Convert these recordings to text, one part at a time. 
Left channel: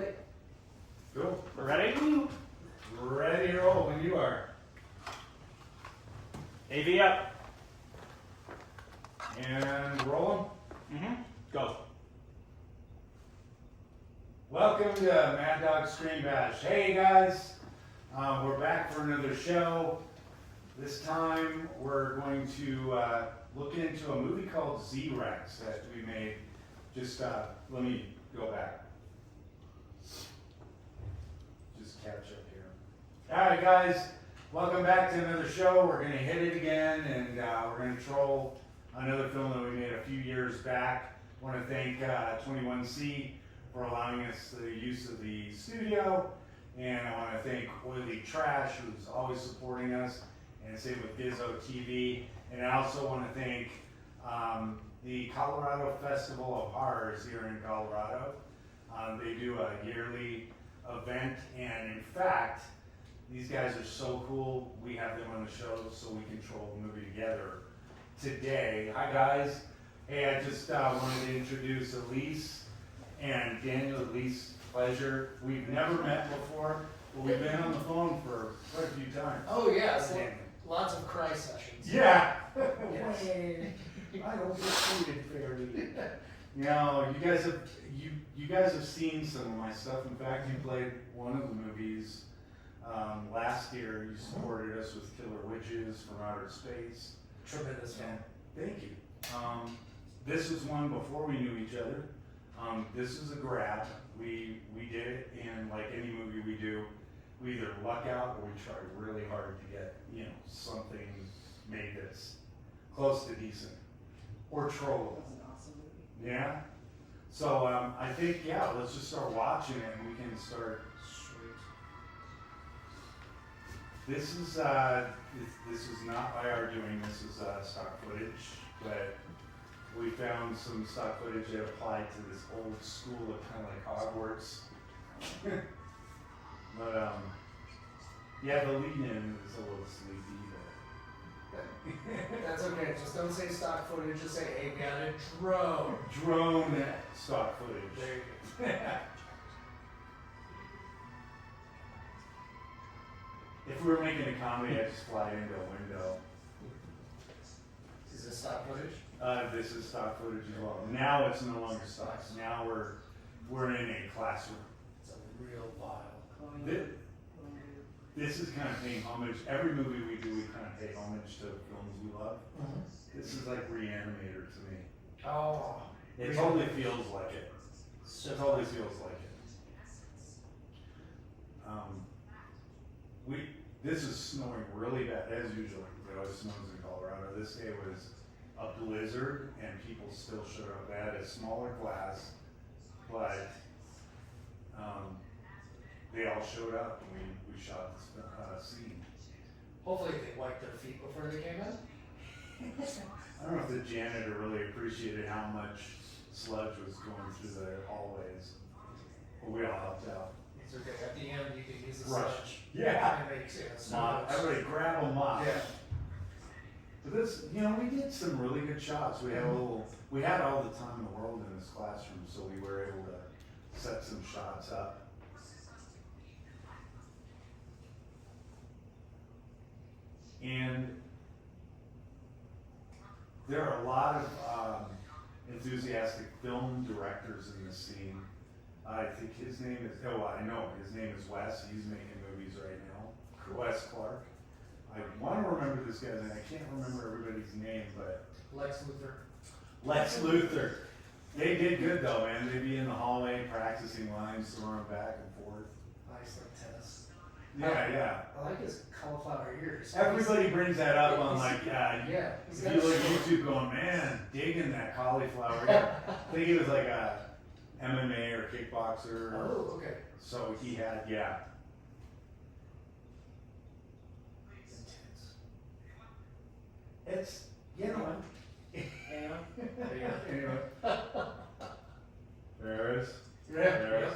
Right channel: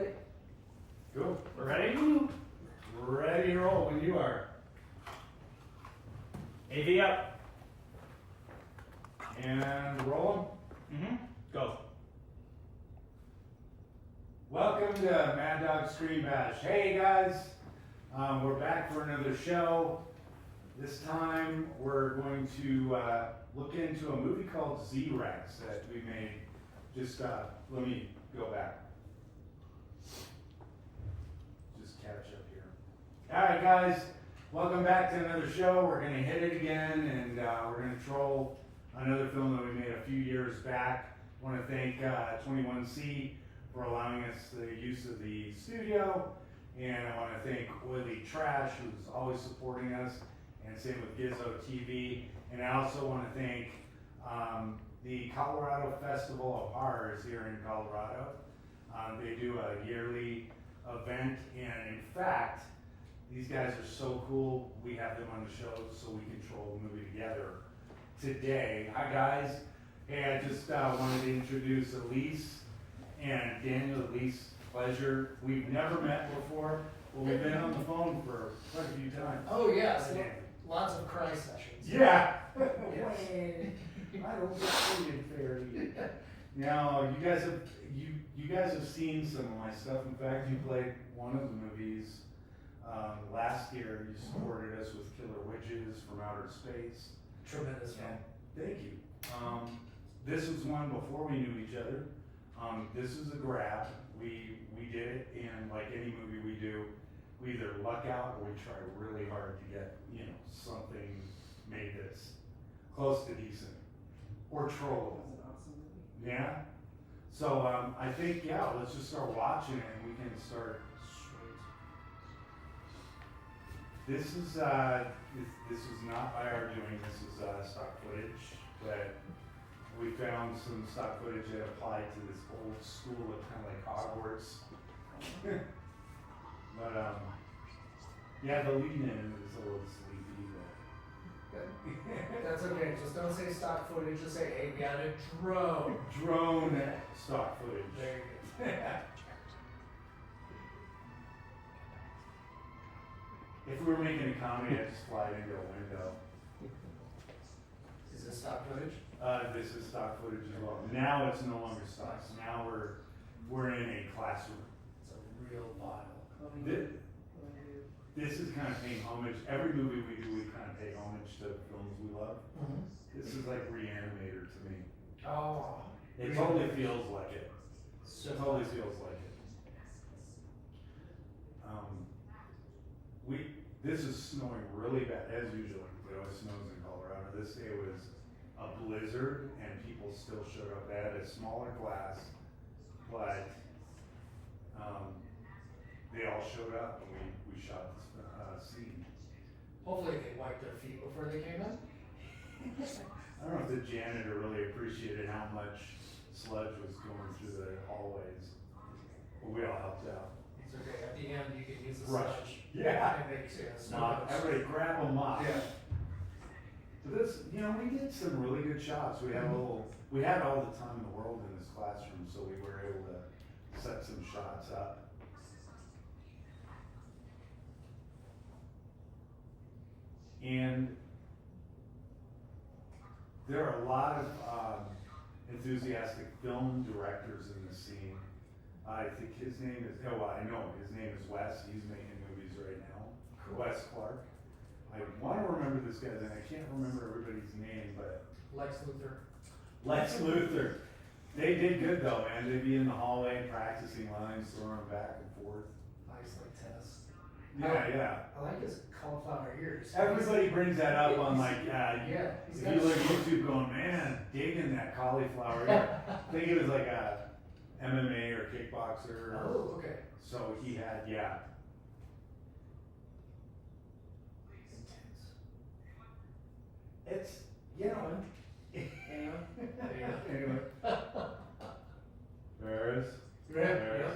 Good. Cool. Ready? Ready to roll when you are. AV up. And roll them. Go. Welcome to Maddog Screen Bash. Hey guys, we're back for another show. This time we're going to look into a movie called Z-Rex that we made. Just let me go back. Just catch up here. All right, guys, welcome back to another show. We're going to hit it again, and we're going to troll another film that we made a few years back. I want to thank 21C for allowing us the use of the studio, and I want to thank Oily Trash, who's always supporting us, and same with Gizzo TV. And I also want to thank the Colorado Festival of Horrors here in Colorado. They do a yearly event, and in fact, these guys are so cool. We have them on the show so we can troll the movie together today. Hi guys. Hey, I just wanted to introduce Elise and Daniel. Elise, pleasure. We've never met before, but we've been on the phone for quite a few times. Oh yes, lots of cry sessions. Yeah. Yes. I don't get treated fairly. Now, you guys have seen some of my stuff. In fact, you played one of the movies last year. You supported us with Killer Witches from Outer Space. Tremendous film. Thank you. This was one before we knew each other. This is a grab. We did it, and like any movie we do, we either luck out or we try really hard to get something made that's close to decent or trollable. Yeah. So I think let's just start watching it, and we can start. This is not by our doing. This is stock footage, but we found some stock footage that applied to this old school of kind of like Hogwarts. But the lead in is a little sleepy, but That's okay. Just don't say stock footage. Just say, hey, we got a drone. Drone stock footage. There you go. If we were making a comedy, I'd just fly into a window. Is this stock footage? This is stock footage as well. Now it's no longer stock. Now we're in a classroom. It's a real vial. This is kind of paying homage. Every movie we do, we kind of pay homage to films we love. Mm-hmm. This is like Reanimator to me. Oh. It totally feels like it. So It totally feels like it. This is snowing really bad, as usual. It always snows in Colorado. This day was a blizzard, and people still showed up. They had a smaller class, but they all showed up, and we shot this scene. hopefully they wiped their feet before they came in. I don't know if the janitor really appreciated how much sludge was going through the hallways, but we all helped out. It's okay. At the end, you can use the Rush. sludge. Yeah. And make Mop. Everybody grab a mop. Yeah. But this, we did some really good shots. We had we had all the time in the world in this classroom, so we were able to set some shots up. And there are a lot of enthusiastic film directors in the scene. I think his name is, I know, his name is Wes. He's making movies right now. Wes Clark. I want to remember this guy's name. I can't remember everybody's name, but Lex Luthor. Lex Luthor. They did good though, man. They'd be in the hallway practicing lines, throwing back and forth. Nice like tennis. Yeah. I like his cauliflower ears. Everybody brings that up on like, he's if got you a look at short- YouTube going, man, digging that cauliflower. I think he was like a MMA or kickboxer. Oh, okay. So he had, It's, anyway. There it is. There it is.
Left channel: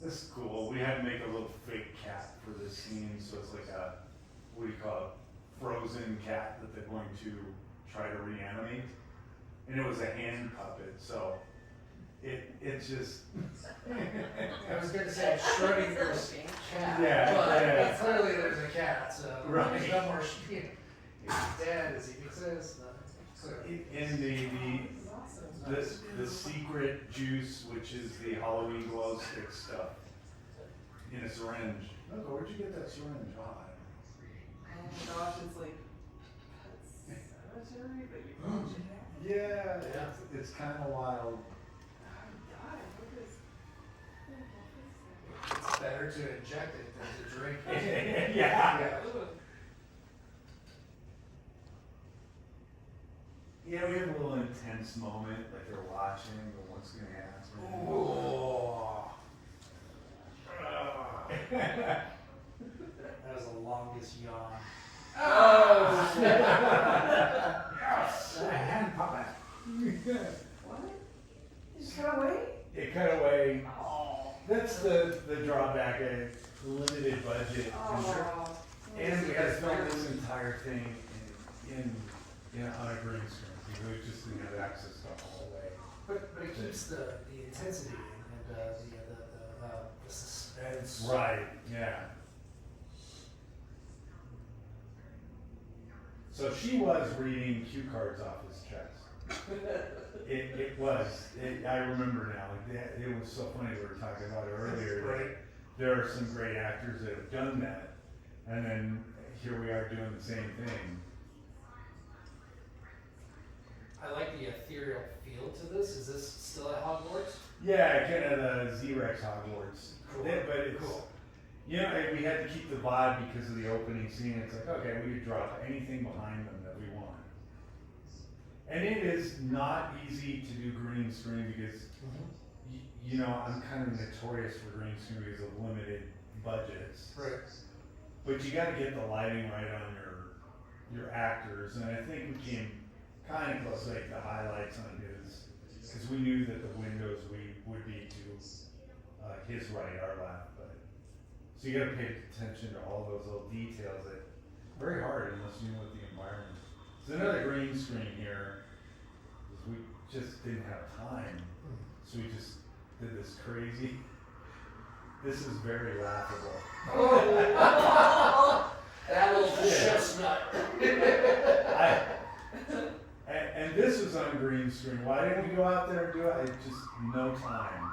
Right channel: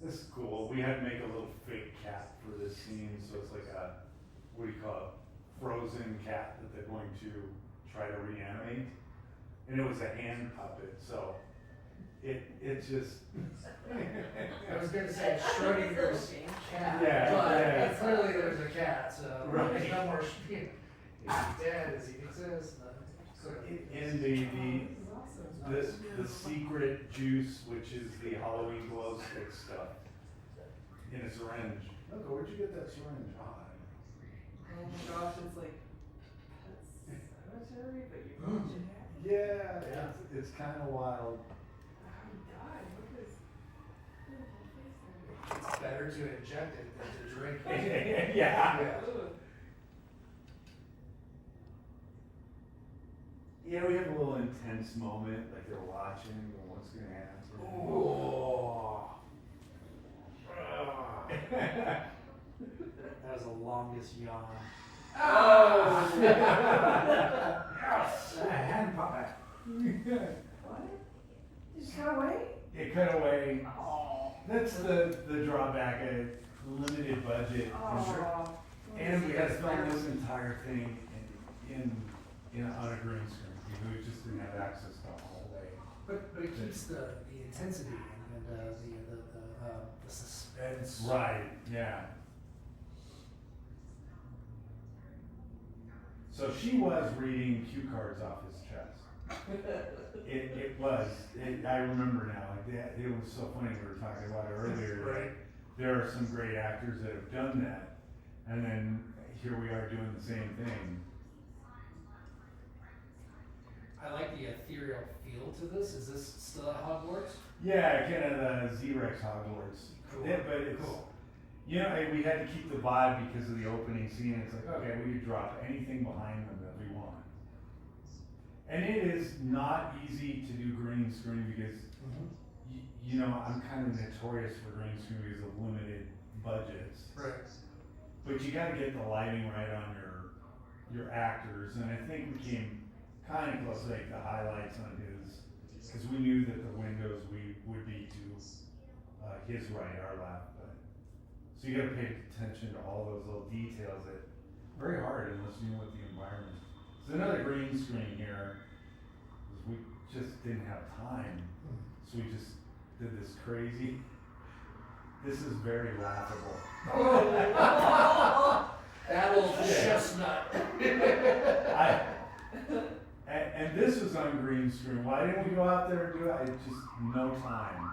This is cool. We had to make a little fake cat for this scene, so it's like a, what do you call it? frozen cat that they're going to try to reanimate, and it was a hand puppet, so it's just. I was gonna say Schrodinger's cat, Yeah, but yeah. clearly there's a cat, so Right. there's no more. Is he dead? Does he exist? No. In the secret juice, which is the Halloween glow stick stuff, in a syringe. Milko, where'd you get that syringe? Oh my gosh, it's like pet cemetery, but you brought it back. Yeah, it's kind of wild. Oh God, what is? It's better to inject it than to drink it. Yeah. Ugh. Yeah, we have a little intense moment, like they're watching, but what's gonna happen? Ooh. That was the longest yawn. Oh! A hand puppet. What? You just got away? It cut away. Oh. That's the drawback, a limited budget. Oh. And we had to film this entire thing in on a green screen. We just didn't have access to the hallway. But it keeps the intensity and the suspense. Right, yeah. So she was reading cue cards off his chest. It was. I remember now. It was so funny. We were talking about it earlier. Right. There are some great actors that have done that, and then here we are doing the same thing. I like the ethereal feel to this. Is this still at Hogwarts? Yeah, kind of the Z-Rex Hogwarts. Cool. Yeah, but it's, Cool. you know, and we had to keep the vibe because of the opening scene. It's like, okay, we could drop anything behind them that we want. And it is not easy to do green screen because, you know, I'm kind of notorious for green screen because of limited budgets. Right. But you gotta get the lighting right on your actors, and I think we came kind of close, like the highlights on his, because we knew that the windows would be to his right, our left, but, so you gotta pay attention to all those little details that, very hard unless you know what the environment is. There's another green screen here, because we just didn't have time, so we just did this crazy, this is very laughable. That little chestnut. And this was on green screen. Why didn't we go out there and do it? It's just no time.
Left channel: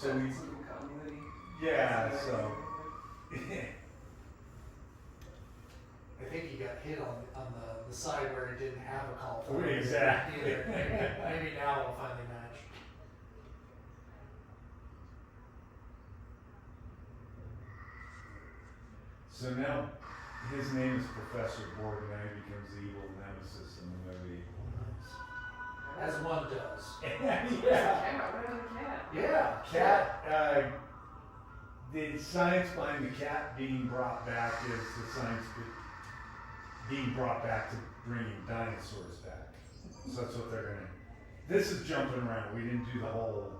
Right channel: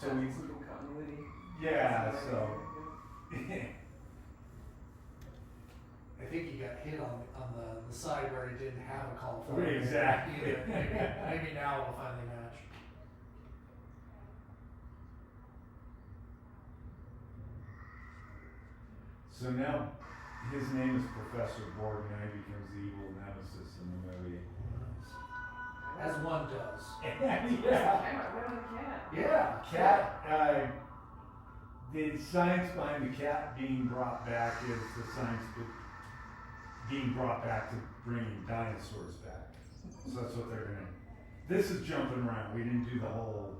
So we, Some good continuity. yeah, so. I think he got hit on the side where he didn't have a call for it. Exactly. Maybe now we'll finally match. So now his name is Professor Borg, and he becomes the evil nemesis in the movie. As one does. Yeah. Cat, what on the cat? Yeah. Cat, the science behind the cat being brought back is the science being brought back to bringing dinosaurs back. So that's what they're gonna, this is jumping around, we didn't do the whole,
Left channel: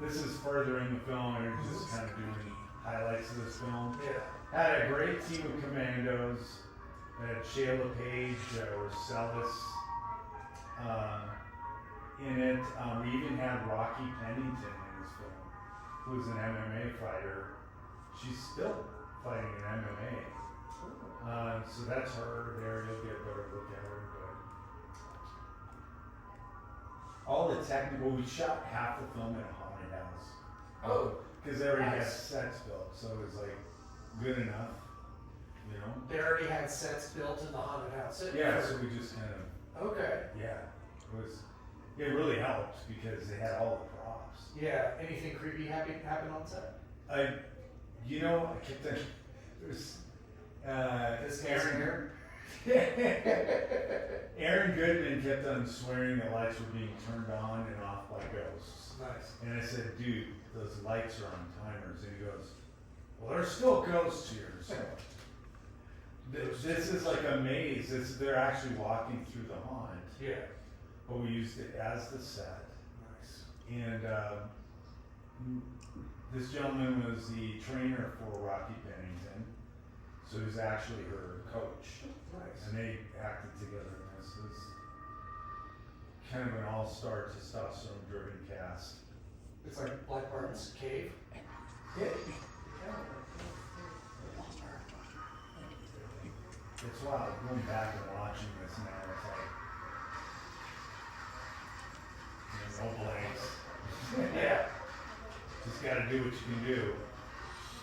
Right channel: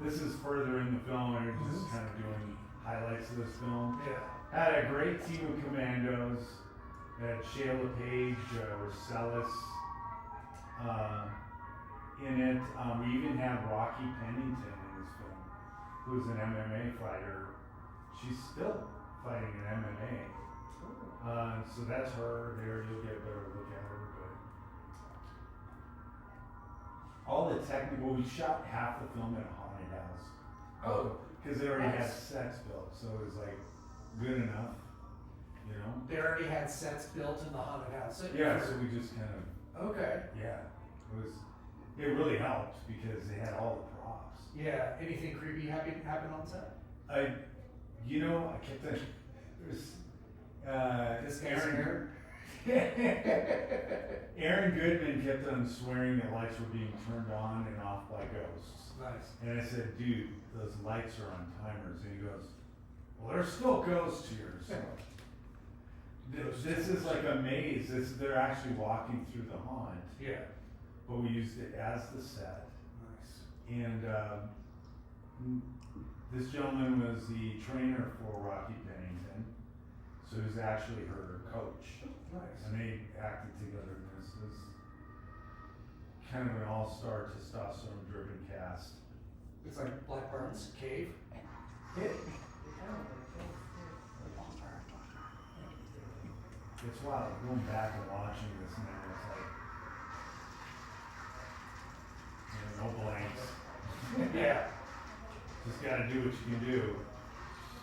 this is further in the film, and we're just kind of doing highlights of this film. Yeah. Had a great team of commandos, had Shayla Page, Celis, in it. We even had Rocky Pennington in this film, who's an MMA fighter. She's still fighting in MMA. So that's her there, you'll get a better look at her, but all the technical, we shot half the film in a haunted house. Oh, Cause they already had nice. sets built, so it was like good enough, you know? they already had sets built in the haunted house. Yeah, so we just kind of, Okay. yeah, it really helped because they had all the props. Yeah. Anything creepy happen on set? I kept thinking, there's, This guy's Aaron, Aaron Goodman kept on swearing that lights were being turned on and off by ghosts. Nice. And I said, dude, those lights are on timers. And he goes, well, there's still ghosts here. So this is like a maze. They're actually walking through the haunt. Yeah. But we used it as the set. Nice. And this gentleman was the trainer for Rocky Pennington. So he was actually her coach. Nice. And they acted together in this. It's kind of an all-star testosterone-driven cast. It's like Black Bart's Cave. It's wild going back and watching this now. It's like, no blanks. Yeah. Just gotta do what you can do.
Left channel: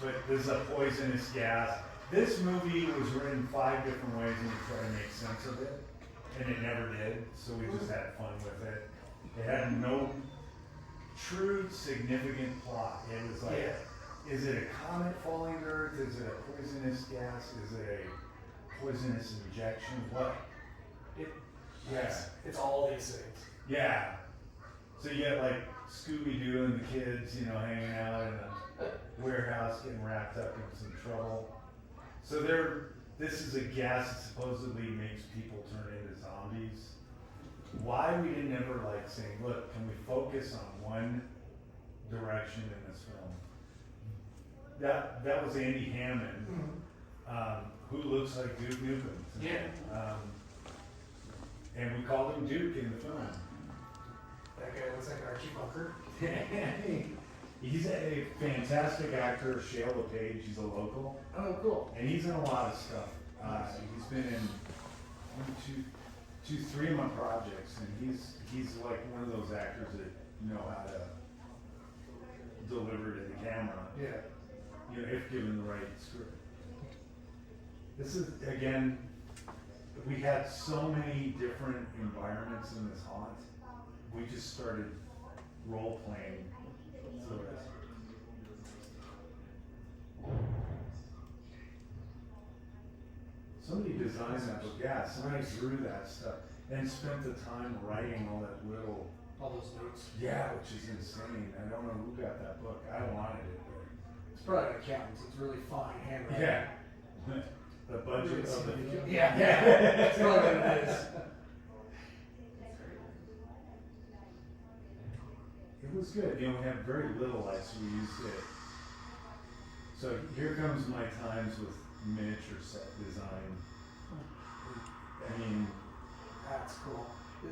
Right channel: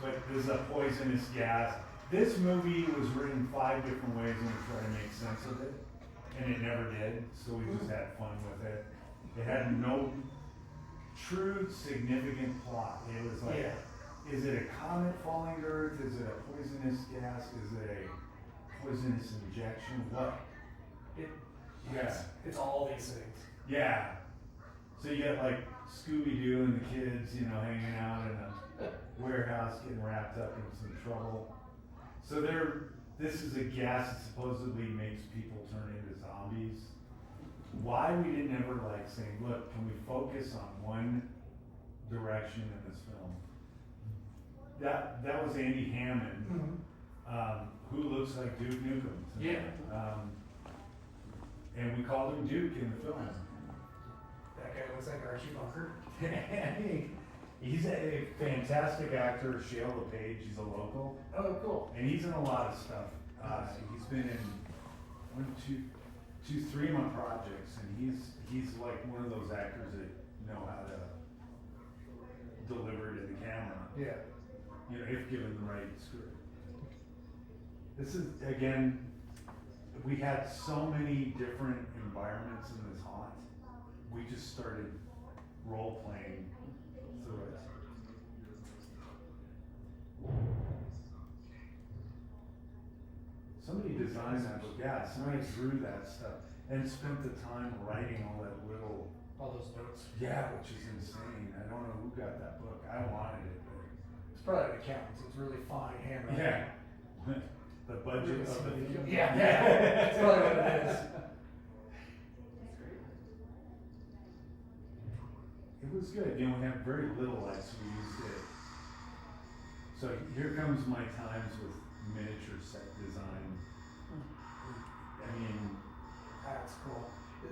But there's a poisonous gas. This movie was written 5 different ways and we tried to make sense of it. And it never did, so we just had fun with it. It had no true significant plot. It was like, is it a comet falling to Earth? Is it a poisonous gas? Is it a poisonous injection? What? It's all these things. Yeah. So you got like Scooby-Doo and the kids, you know, hanging out in a warehouse getting wrapped up in some trouble. So this is a gas that supposedly makes people turn into zombies. Why we didn't ever like saying, look, can we focus on one direction in this film? That was Andy Hammond, who looks like Duke Nukem. Yeah. And we called him Duke in the film. That guy looks like Archie Bunker. He's a fantastic actor, Shale LePage, he's a local. Oh, cool. And he's in a lot of stuff. He's been in 3 of my projects, and he's like one of those actors that know how to deliver to the camera. Yeah. You know, if given the right script. This is, again, we had so many different environments in this haunt. We just started role playing through it. Somebody designed that book, yeah, somebody drew that stuff and spent the time writing all that little, All those notes. yeah, which is insane. I don't know who got that book. I wanted it, but It's probably an accountant. It's really fine handwriting. yeah. The budget of the video. Yeah, that's probably what it is. It was good, you know, we had very little lights, we used it. So here comes my times with miniature set design. I mean, That's cool.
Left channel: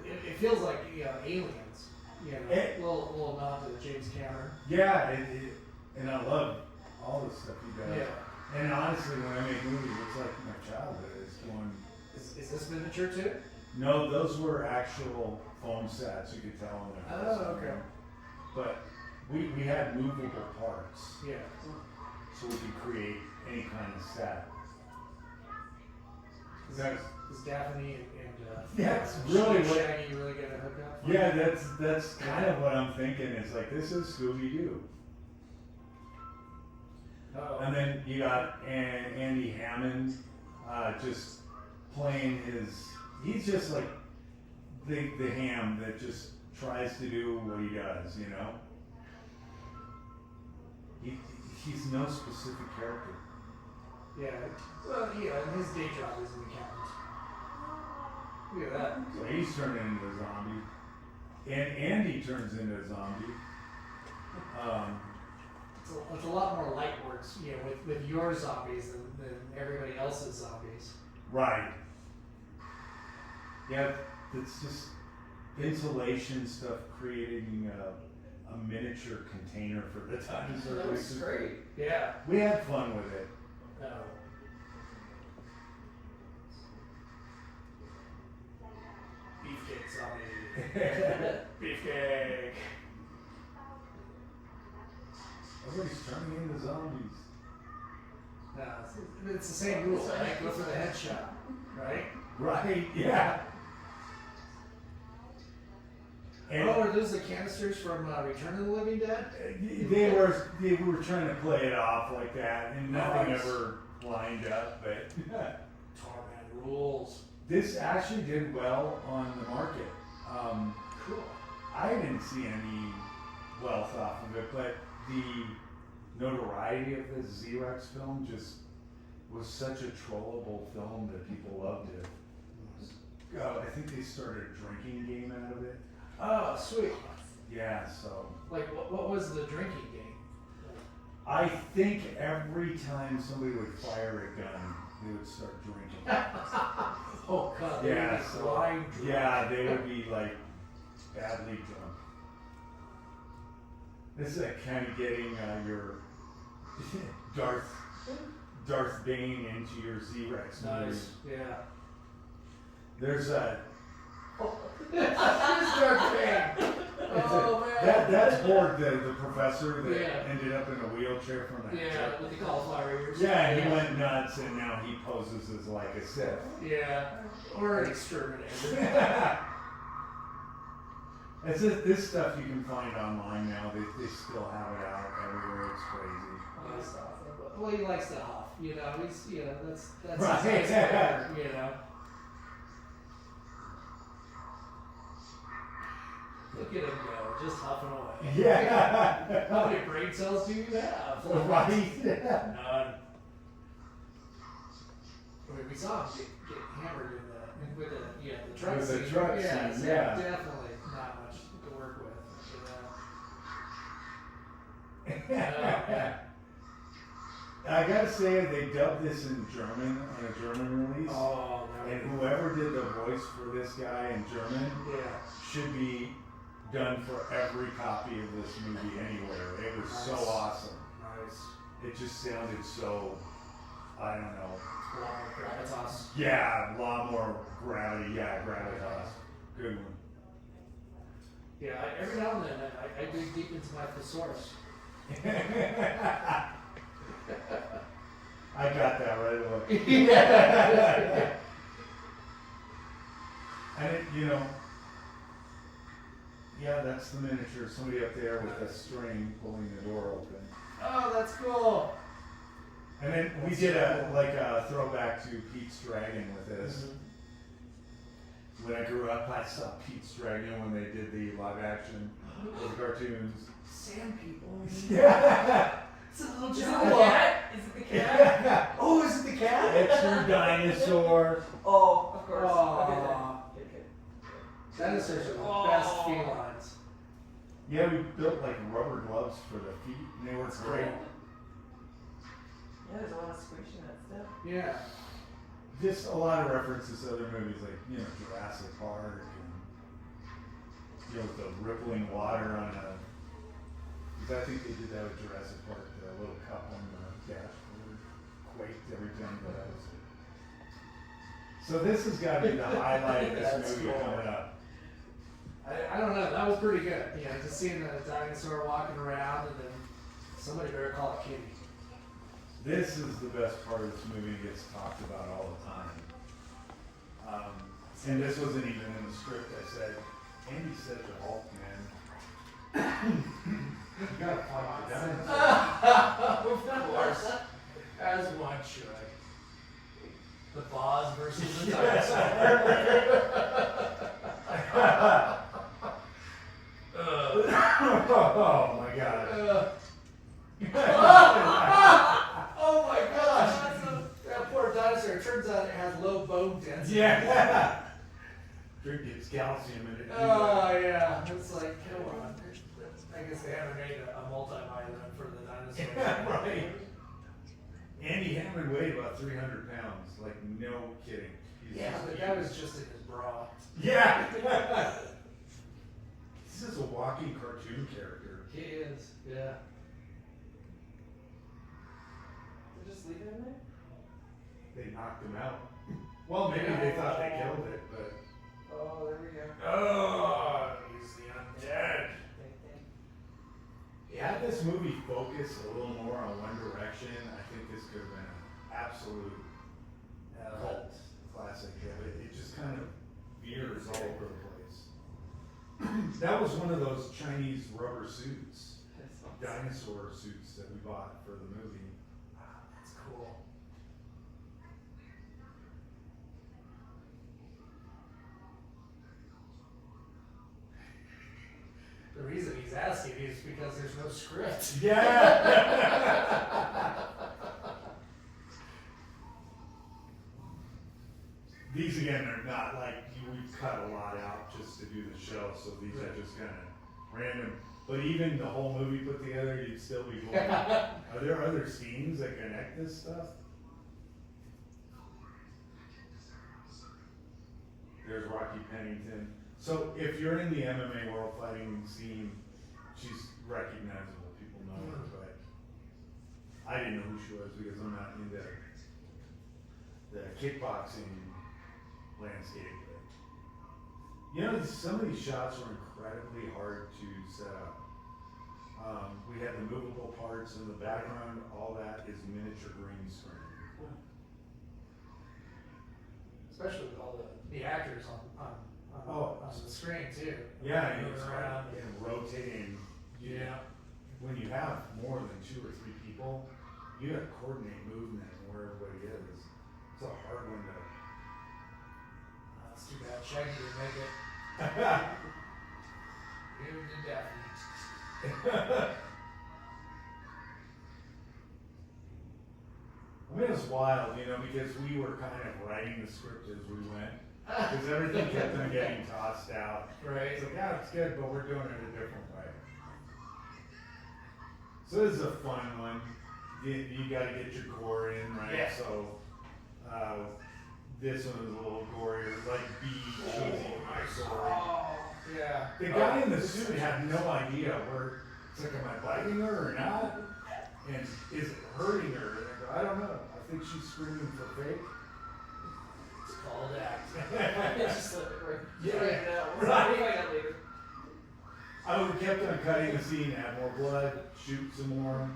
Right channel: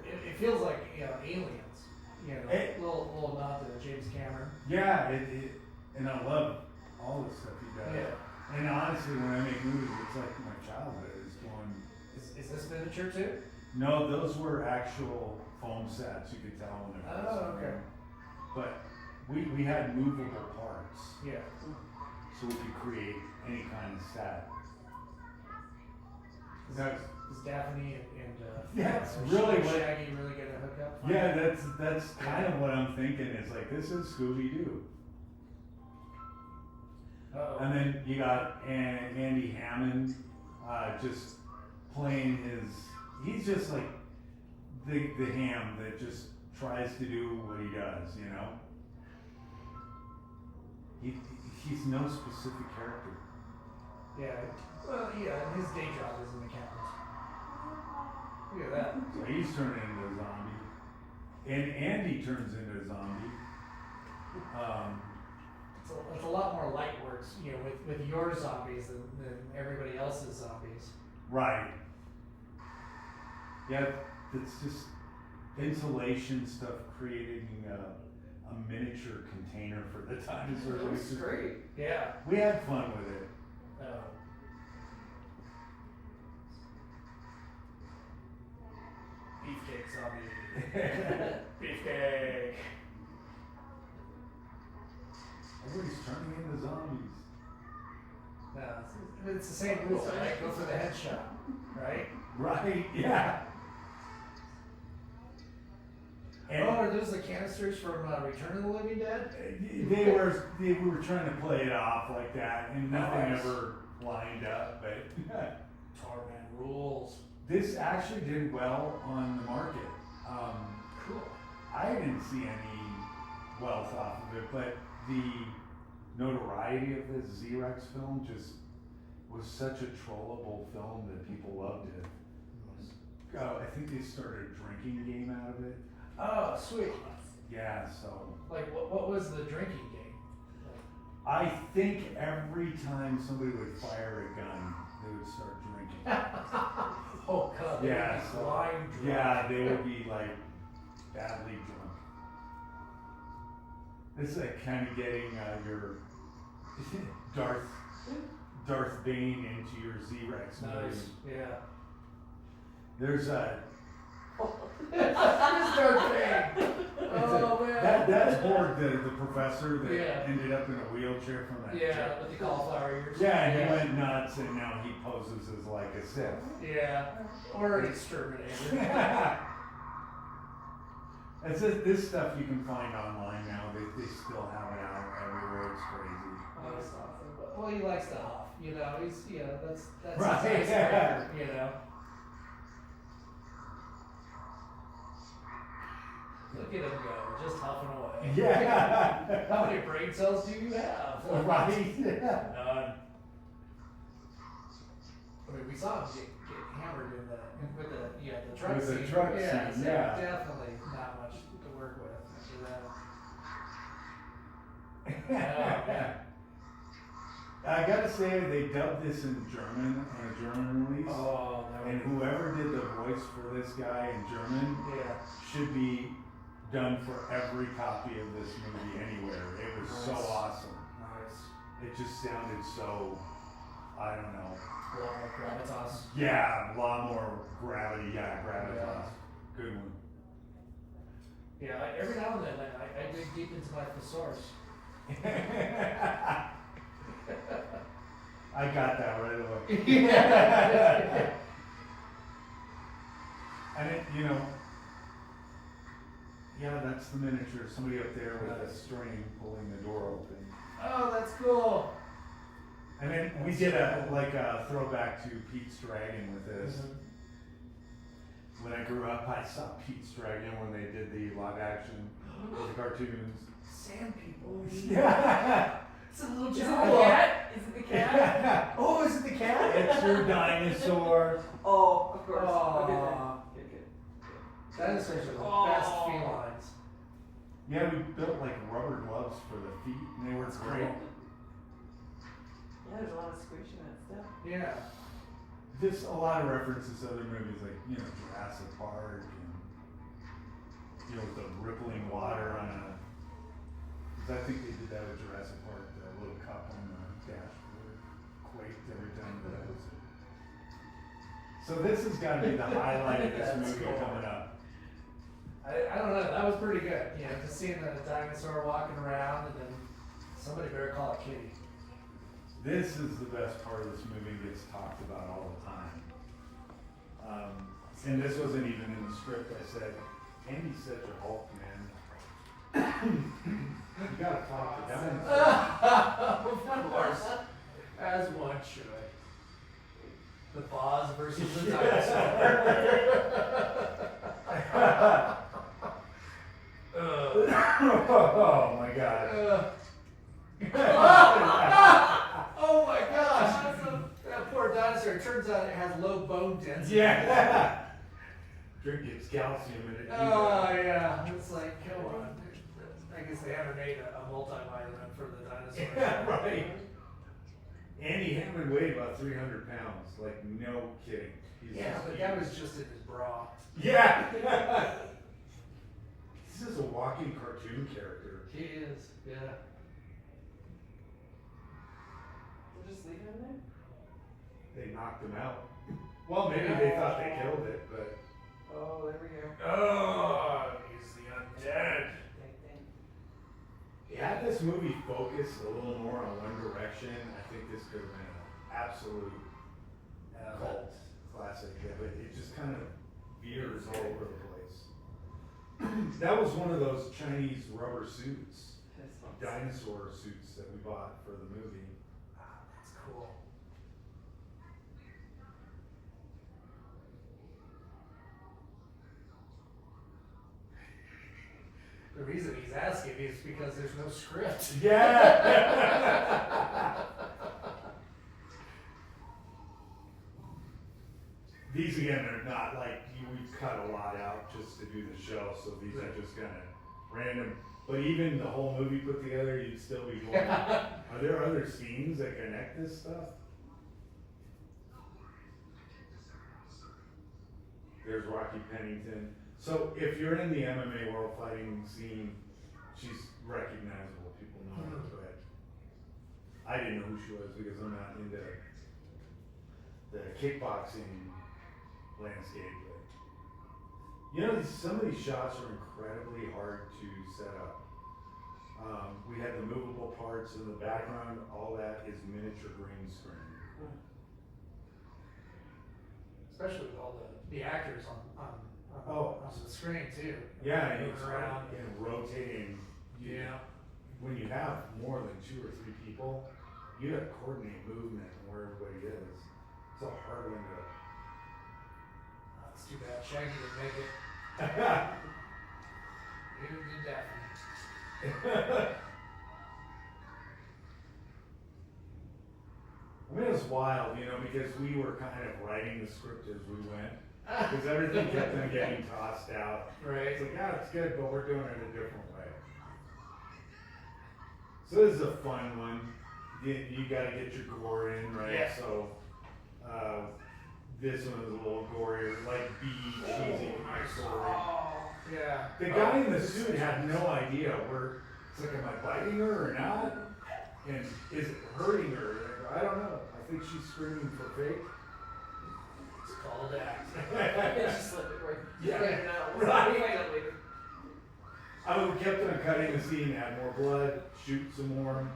It feels like, you know, Aliens. You know, little nod to James Cameron. yeah, and I love all the stuff he does. Yeah. And honestly, when I make movies, it's like my childhood is going. Is this miniature too? No, those were actual foam sets, you could tell when they're. Oh, okay. But we had movable parts, Yeah. so we could create any kind of set. Is Daphne and That's really what- Shaggy really gonna hook up? Yeah, that's kind of what I'm thinking. It's like, this is Scooby-Doo. Uh-oh. And then you got Andy Hammond, just playing he's just like the ham that just tries to do what he does, you know? He's no specific character. Yeah. Well, yeah, and his day job is an accountant. Look at that. So he's turned into a zombie. And Andy turns into a zombie. It's a lot more light works, you know, with your zombies than everybody else's zombies. Right. Yeah, it's just insulation stuff, creating a miniature container for the dinosaur. That was great. Yeah. We had fun with it. Beefcake zombie. Beefcake. Everybody's turning into zombies. No, it's the same rule, right? Go for the headshot, right? Right, yeah. And Oh, are those the canisters from Return of the Living Dead? they were trying to play it off like that, and nothing Nice. ever lined up, but Torment rules. this actually did well on the market. Cool. I didn't see any wealth off of it, but the notoriety of this Xerox film just was such a trollable film that people loved it. I think they started a drinking game out of it. Oh, sweet. Yeah, so Like, what was the drinking game? I think every time somebody would fire a gun, they would start drinking. Oh god, Yeah, they'd be so, blind drunk. yeah, they would be like badly drunk. This is like kind of getting your Darth Bane into your Z-Rex movie. Nice, yeah. There's a Mr. Bane! Oh man. that's Borg, the professor that Yeah. ended up in a wheelchair from that Yeah, jet. with the cauliflower ears. Yeah, and he went nuts, and now he poses as like a Sith. Yeah, or an exterminator. It's just, this stuff you can find online now. They still have it out everywhere. It's crazy. That's awesome. Well, he likes to huff, you know. He's, you know, that's Right. his favorite, you know. Look at him go, just huffing away. Yeah. How many brain cells do you have? Right. None. I mean, we saw him get hammered in with the truck With the scene. truck Yeah, scene, so yeah. definitely not much to work with. I gotta say, they dubbed this in German on a German release. Oh, no. And whoever did the voice for this guy in German Yeah. should be done for every copy of this movie anywhere. It was so Nice. awesome. Nice. It just sounded so, I don't know. A lot more gravitas. Yeah, a lot more gravity. Yeah, gravitas. Good one. Yeah, every now and then I dig deep into my thesaurus. I got that right away. Yeah. And it, you know, yeah, that's the miniature. Somebody up there with a string pulling the door open. Oh, that's cool. And then we did a throwback to Pete's Dragon with this. When I grew up, I saw Pete's Dragon when they did the live action cartoons. Sand people. Yeah. It's a little Is it the child. cat? Is it the cat? Oh, is it the cat? It's your dinosaur. Oh, of course. Aw. Okay, then. Good. Dinosaurs are the Oh. best felines. Yeah, we built like rubber gloves for the feet, and they were great. Yeah, there's a lot of squish in that stuff. Yeah. Just a lot of references to other movies like, you know, Jurassic Park and, you know, the rippling water on a, because I think they did that with Jurassic Park, the little cup on the dashboard quaked every time that was. So this has got to be the highlight of this That's movie cool. coming up. I don't know, that was pretty good. You know, just seeing the dinosaur walking around and then somebody better call it Kitty. This is the best part of this movie, gets talked about all the time. And this wasn't even in the script. I said, Andy's such a Hulk, man. You gotta talk to dinosaurs. Of course. As one should. The boss versus the dinosaur. Oh my god. Oh my gosh! That poor dinosaur. It turns out it has low bone density. Yeah. Drink its calcium in it. Oh yeah. It's like, come on. I guess they haven't made a multivitamin for the dinosaur. Yeah, right. Andy Hammond weighed about 300 pounds. Like, no kidding. He's Yeah, just but huge. that was just in his bra. Yeah. This is a walking cartoon character. He is, yeah. They just leave it in there? They knocked him out. Well, maybe they thought they killed it, but. Oh, there we go. Oh, he's the undead. Had this movie focused a little more on one direction, I think this could have been an absolute cult classic. It just kind of veers all over the place. That was one of those Chinese rubber suits, dinosaur suits that we bought for the movie. Wow, that's cool. The reason he's asking is because there's no script. Yeah. These again are not like we cut a lot out just to do the show, so these are just kind of random. But even the whole movie put together, you'd still be going, are there other scenes that connect this stuff? There's Rocky Pennington. So if you're in the MMA world fighting scene, she's recognizable. People know her, but I didn't know who she was because I'm not into the kickboxing landscape. But you know, some of these shots were incredibly hard to set up. We had the movable parts in the background. All that is miniature green screen. Especially with all the actors on the screen too. Yeah, and Moving it's around. and rotating. Yeah. When you have more than 2 or 3 people, you have to coordinate movement and where everybody is. It's a hard one to. That's too bad. Shaggy didn't make it. You did Daphne. I mean, it was wild, you know, because we were kind of writing the script as we went. Because everything kept on getting tossed out. Right. It's like, yeah, it's good, but we're doing it a different way. So this is a fun one. You gotta get your gore in, right? Yeah. So, this one is a little gorier, like cheesy story. Yeah. The guy in the suit had no idea where, it's like, am I biting her or not? And is it hurting her? I don't know. I think she's screaming for fake. It's called act. Just let it right. Yeah. Right now. Right. We'll find out later. I would kept on cutting the scene, add more blood, shoot some more.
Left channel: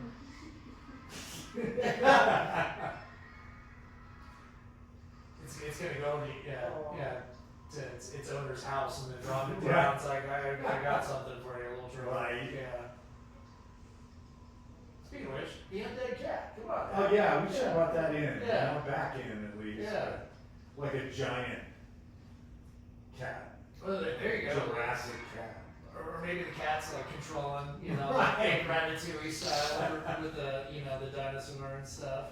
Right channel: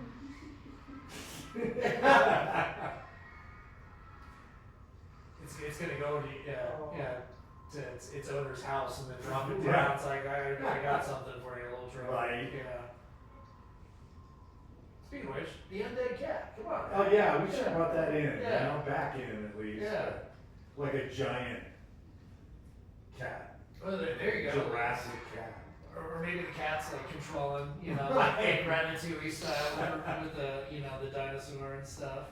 It's gonna go to to its owner's house and then drop it Yeah. down. It's like I got something for you, a little trophy. Right. Yeah. Speaking of which, the undead cat. Come on. Oh yeah, we should have brought that in, Yeah. you know, back in at least. Yeah. Like a giant cat, Well, there you go. Jurassic cat. Or maybe the cat's like controlling, Right. like Ratatouille style with the the dinosaur and stuff.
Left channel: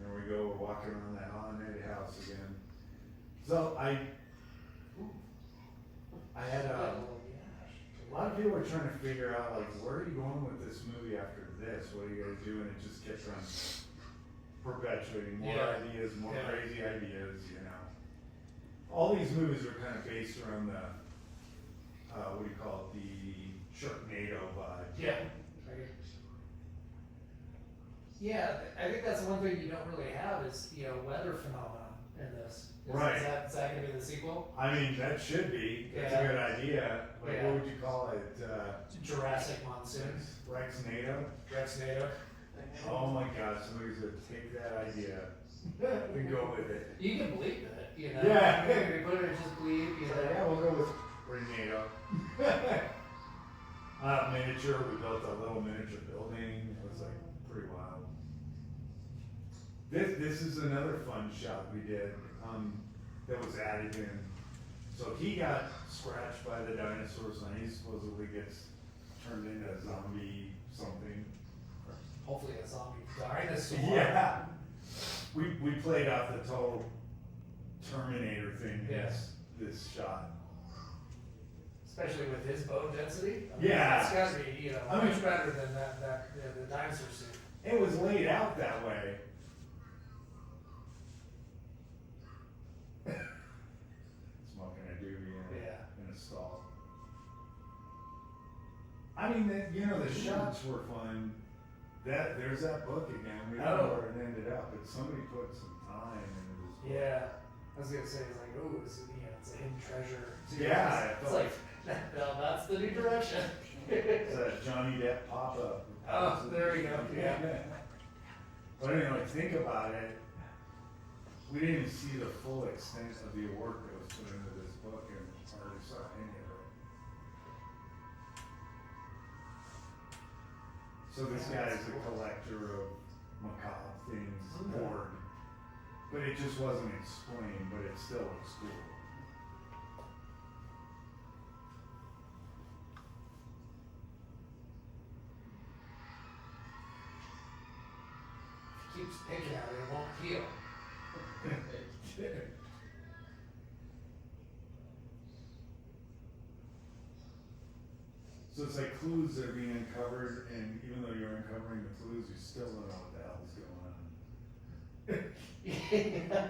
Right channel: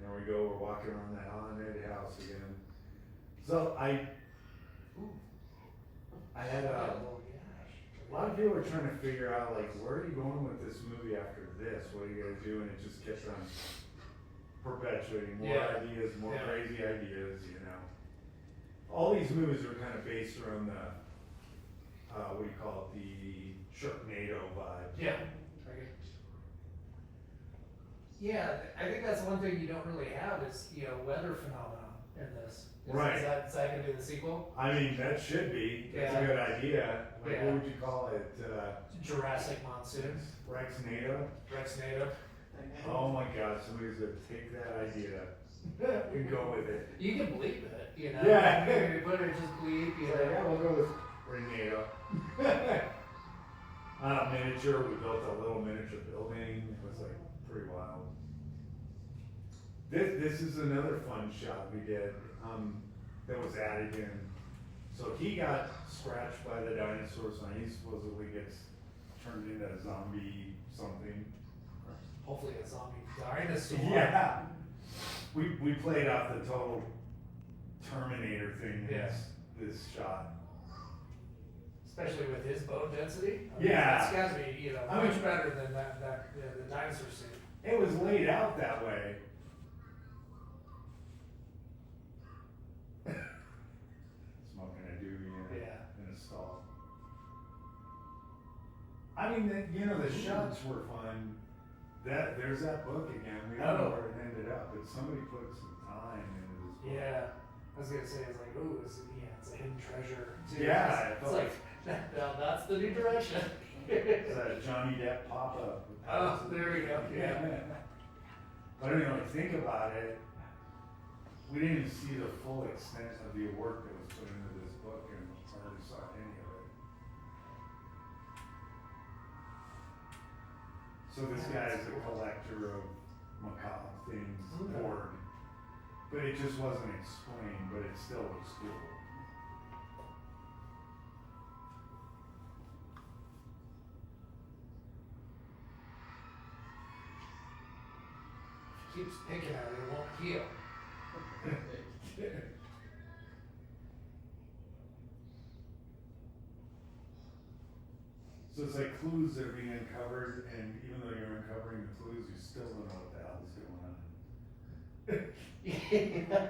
There we go, we're walking around the haunted house again. So I had Oh, a lot of people were trying to figure out, like, where are you going with this movie after this? What are you gonna do? And it just kept on perpetuating more Yeah. ideas, more Yeah. crazy ideas, you know. All these movies were kind of based around the, what do you call it, the Sharknado vibe. Yeah. Yeah, I think that's one thing you don't really have is, weather phenomena in this. Right. Is that gonna be the sequel? I mean, that should be, that's a Yeah. good idea. Like, Yeah. what would you call it? Jurassic monsoon. Rexnado? Rexnado. Oh my gosh, somebody's gonna take that idea and go with it. You can bleep it, Yeah. You put it just bleep, Yeah, we'll go with Renado. Miniature, we built a little miniature building, it was like pretty wild. This is another fun shot we did, that was added in. So he got scratched by the dinosaurs and he supposedly gets turned into a zombie something. Hopefully a zombie dinosaur. Yeah. We played off the total Terminator thing in Yeah. this shot. Especially with his bone density. Yeah. It's gotta be, I much mean- better than the dinosaur suit. It was laid out that way. Smoking a doobie in a stall. I mean, the shots were fun. There's that book again. We don't know where it ended up, but somebody put some time into this book. Yeah. I was gonna say, it's like, ooh, it's a hidden treasure. too. Yeah, It's like, that's the new direction. It's that Johnny Depp pop-up. Oh, there we go, yeah. But anyway, think about it. We didn't even see the full extent of the work that was put into this book and hardly saw any of it. So this guy is a collector of macabre things, bored. But it just wasn't explained, but it still looks cool. Keeps picking at it, it won't heal. So it's like clues that are being uncovered, and even though you're uncovering the clues, you still don't know what the hell is going on.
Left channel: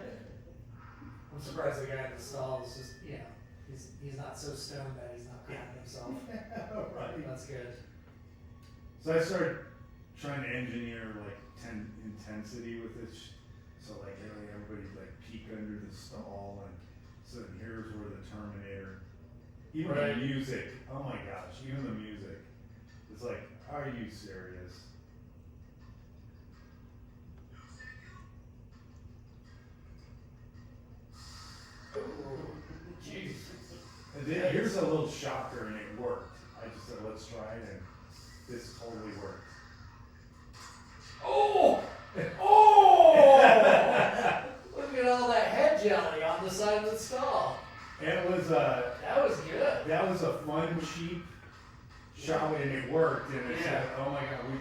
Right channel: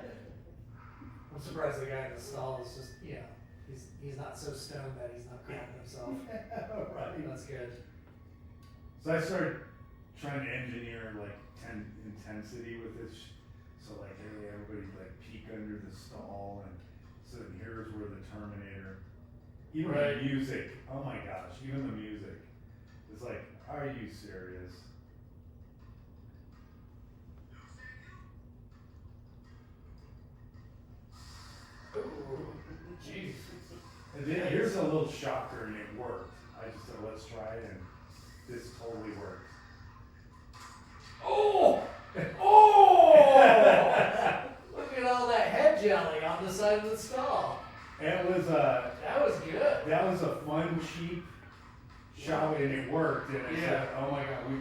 I'm I'm surprised the guy in the stall is just, he's not so stoned that he's not crapping himself. Right. That's good. So I started trying to engineer like intensity with this. So like, hey, everybody like peek under the stall, and so here's where the Terminator. Even Right. the music. Oh my gosh, even the music. It's like, are you serious? Jeez. And then here's a little shocker, and it worked. I just said, let's try it, and this totally worked. Oh! Oh! Look at all that head jelly on the side of the stall. It was That was good. that was a fun, cheap shot, and it worked. And I said, Yeah. oh my god, we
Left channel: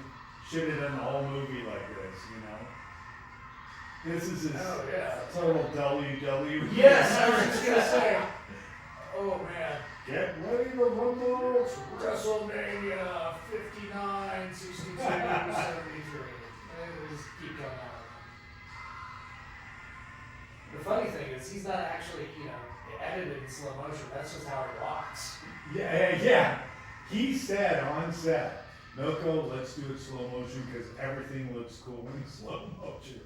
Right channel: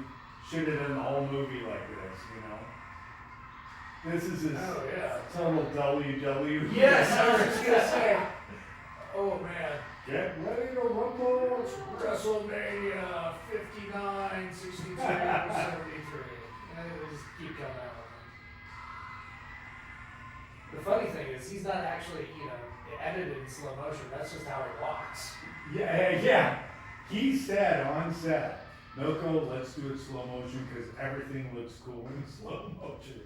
should have done the whole movie like this, you know? This is his Oh, yeah. total WW. Yes, I was just gonna say. Oh, man. Get ready to rumble. WrestleMania 59, 62, 73. And just keep going that way. The funny thing is, he's not actually, edited in slow motion. That's just how he walks. Yeah. He said on set, Milko, let's do it slow motion because everything looks cool in slow motion.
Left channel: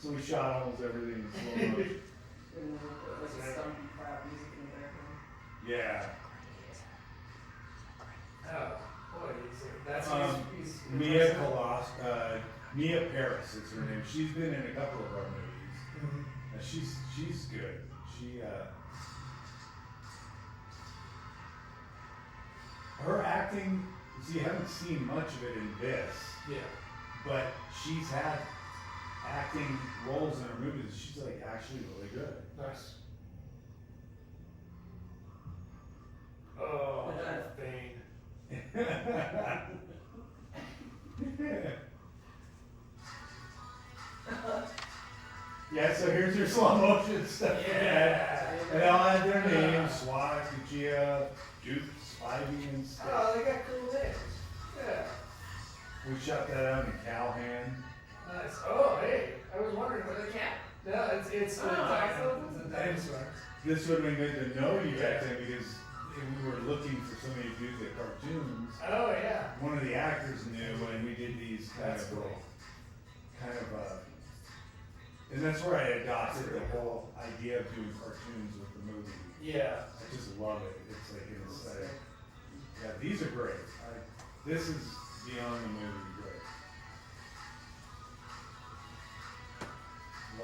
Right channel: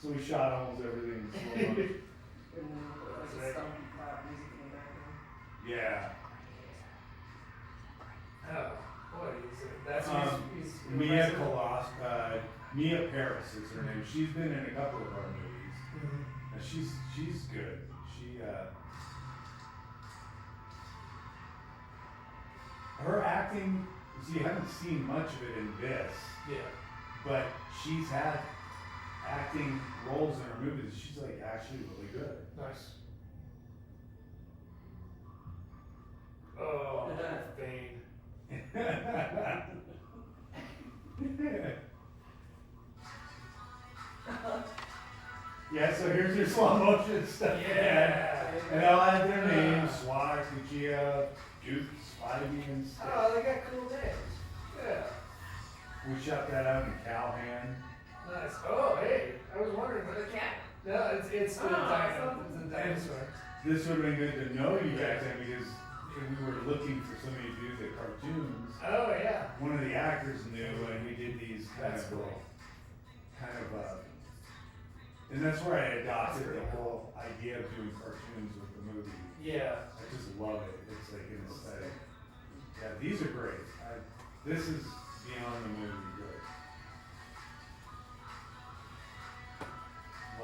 So we shot almost everything in slow motion. And then like some loud music in the background. Yeah. Oh, boy, he's Mia Mia Paris is her name. She's been in a couple of our movies. Mhm. And she's good. Her acting, you haven't seen much of it in this, Yeah. but she's had acting roles in her movies. She's like actually really good. Nice. Oh, Good eye. Bane. Yeah, so here's your slow motion stuff. Yeah. And they'll add their names, Swat, Kuchia, Duke, Spivey, and stuff. Oh, they got cool names. Yeah. We shot that out in Calhan. Nice. Oh, hey, I was wondering what the cat. No, it's the dinosaur. This would have been good to know you back then because we were looking for somebody to do the cartoons. Oh, yeah. One of the actors knew, and we did these That's cool. and that's where I adopted the whole idea of doing cartoons with the movie. Yeah. I just love it. It's like an aesthetic. Yeah, these are great. This is beyond the movie great.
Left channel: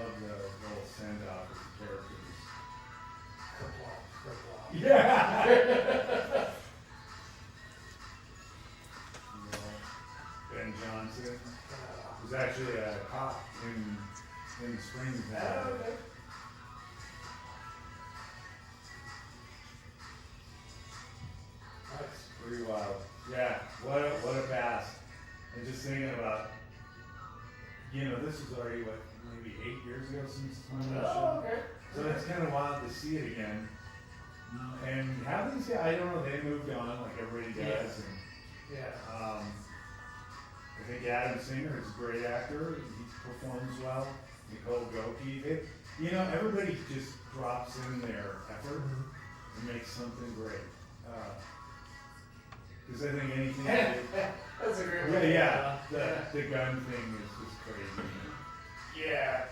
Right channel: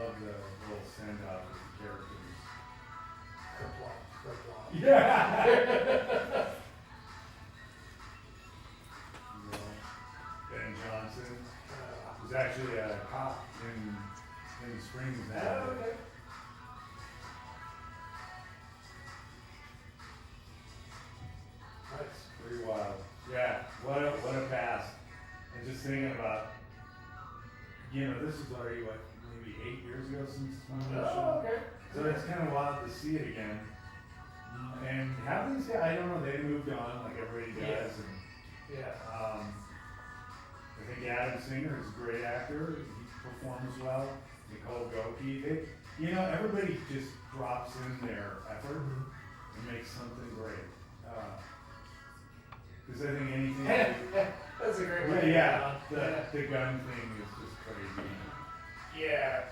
Love the little send out with the characters. Kerplop. Yeah. Ben Johnson was actually a cop in Springs. Oh, okay. Nice. Pretty wild. Yeah, what a past. And just thinking about, this is already maybe 8 years ago since the time of that Oh, show. okay. So it's kind of wild to see it again. And how did these guys, I don't know, they moved on like everybody does. Yeah. And I think Adam Singer is a great actor. He performs well. Nicole Goki. Everybody just drops in their effort and makes something great. Because I think anything they do, That's a great way. the gun thing is just crazy. Yeah.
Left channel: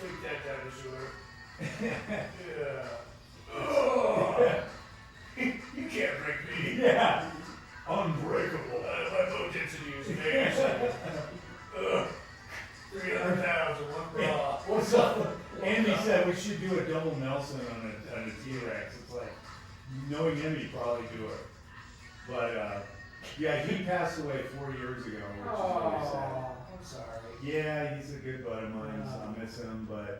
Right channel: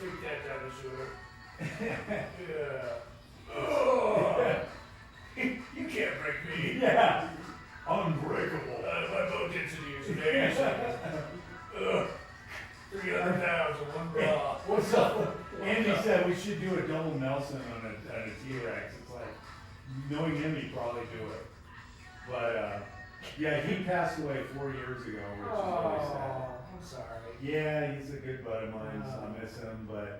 Take that dinosaur. Yeah. Oh. You can't break me. Yeah, unbreakable. My low density is nasty. 300 pounds in one bra. What's up? Andy said we should do a double Nelson on a T-Rex. It's like, knowing him, he'd probably do it. But, yeah, he passed away 4 years ago, which is really sad. I'm sorry. Yeah, he's a good bud of mine, so I miss him, but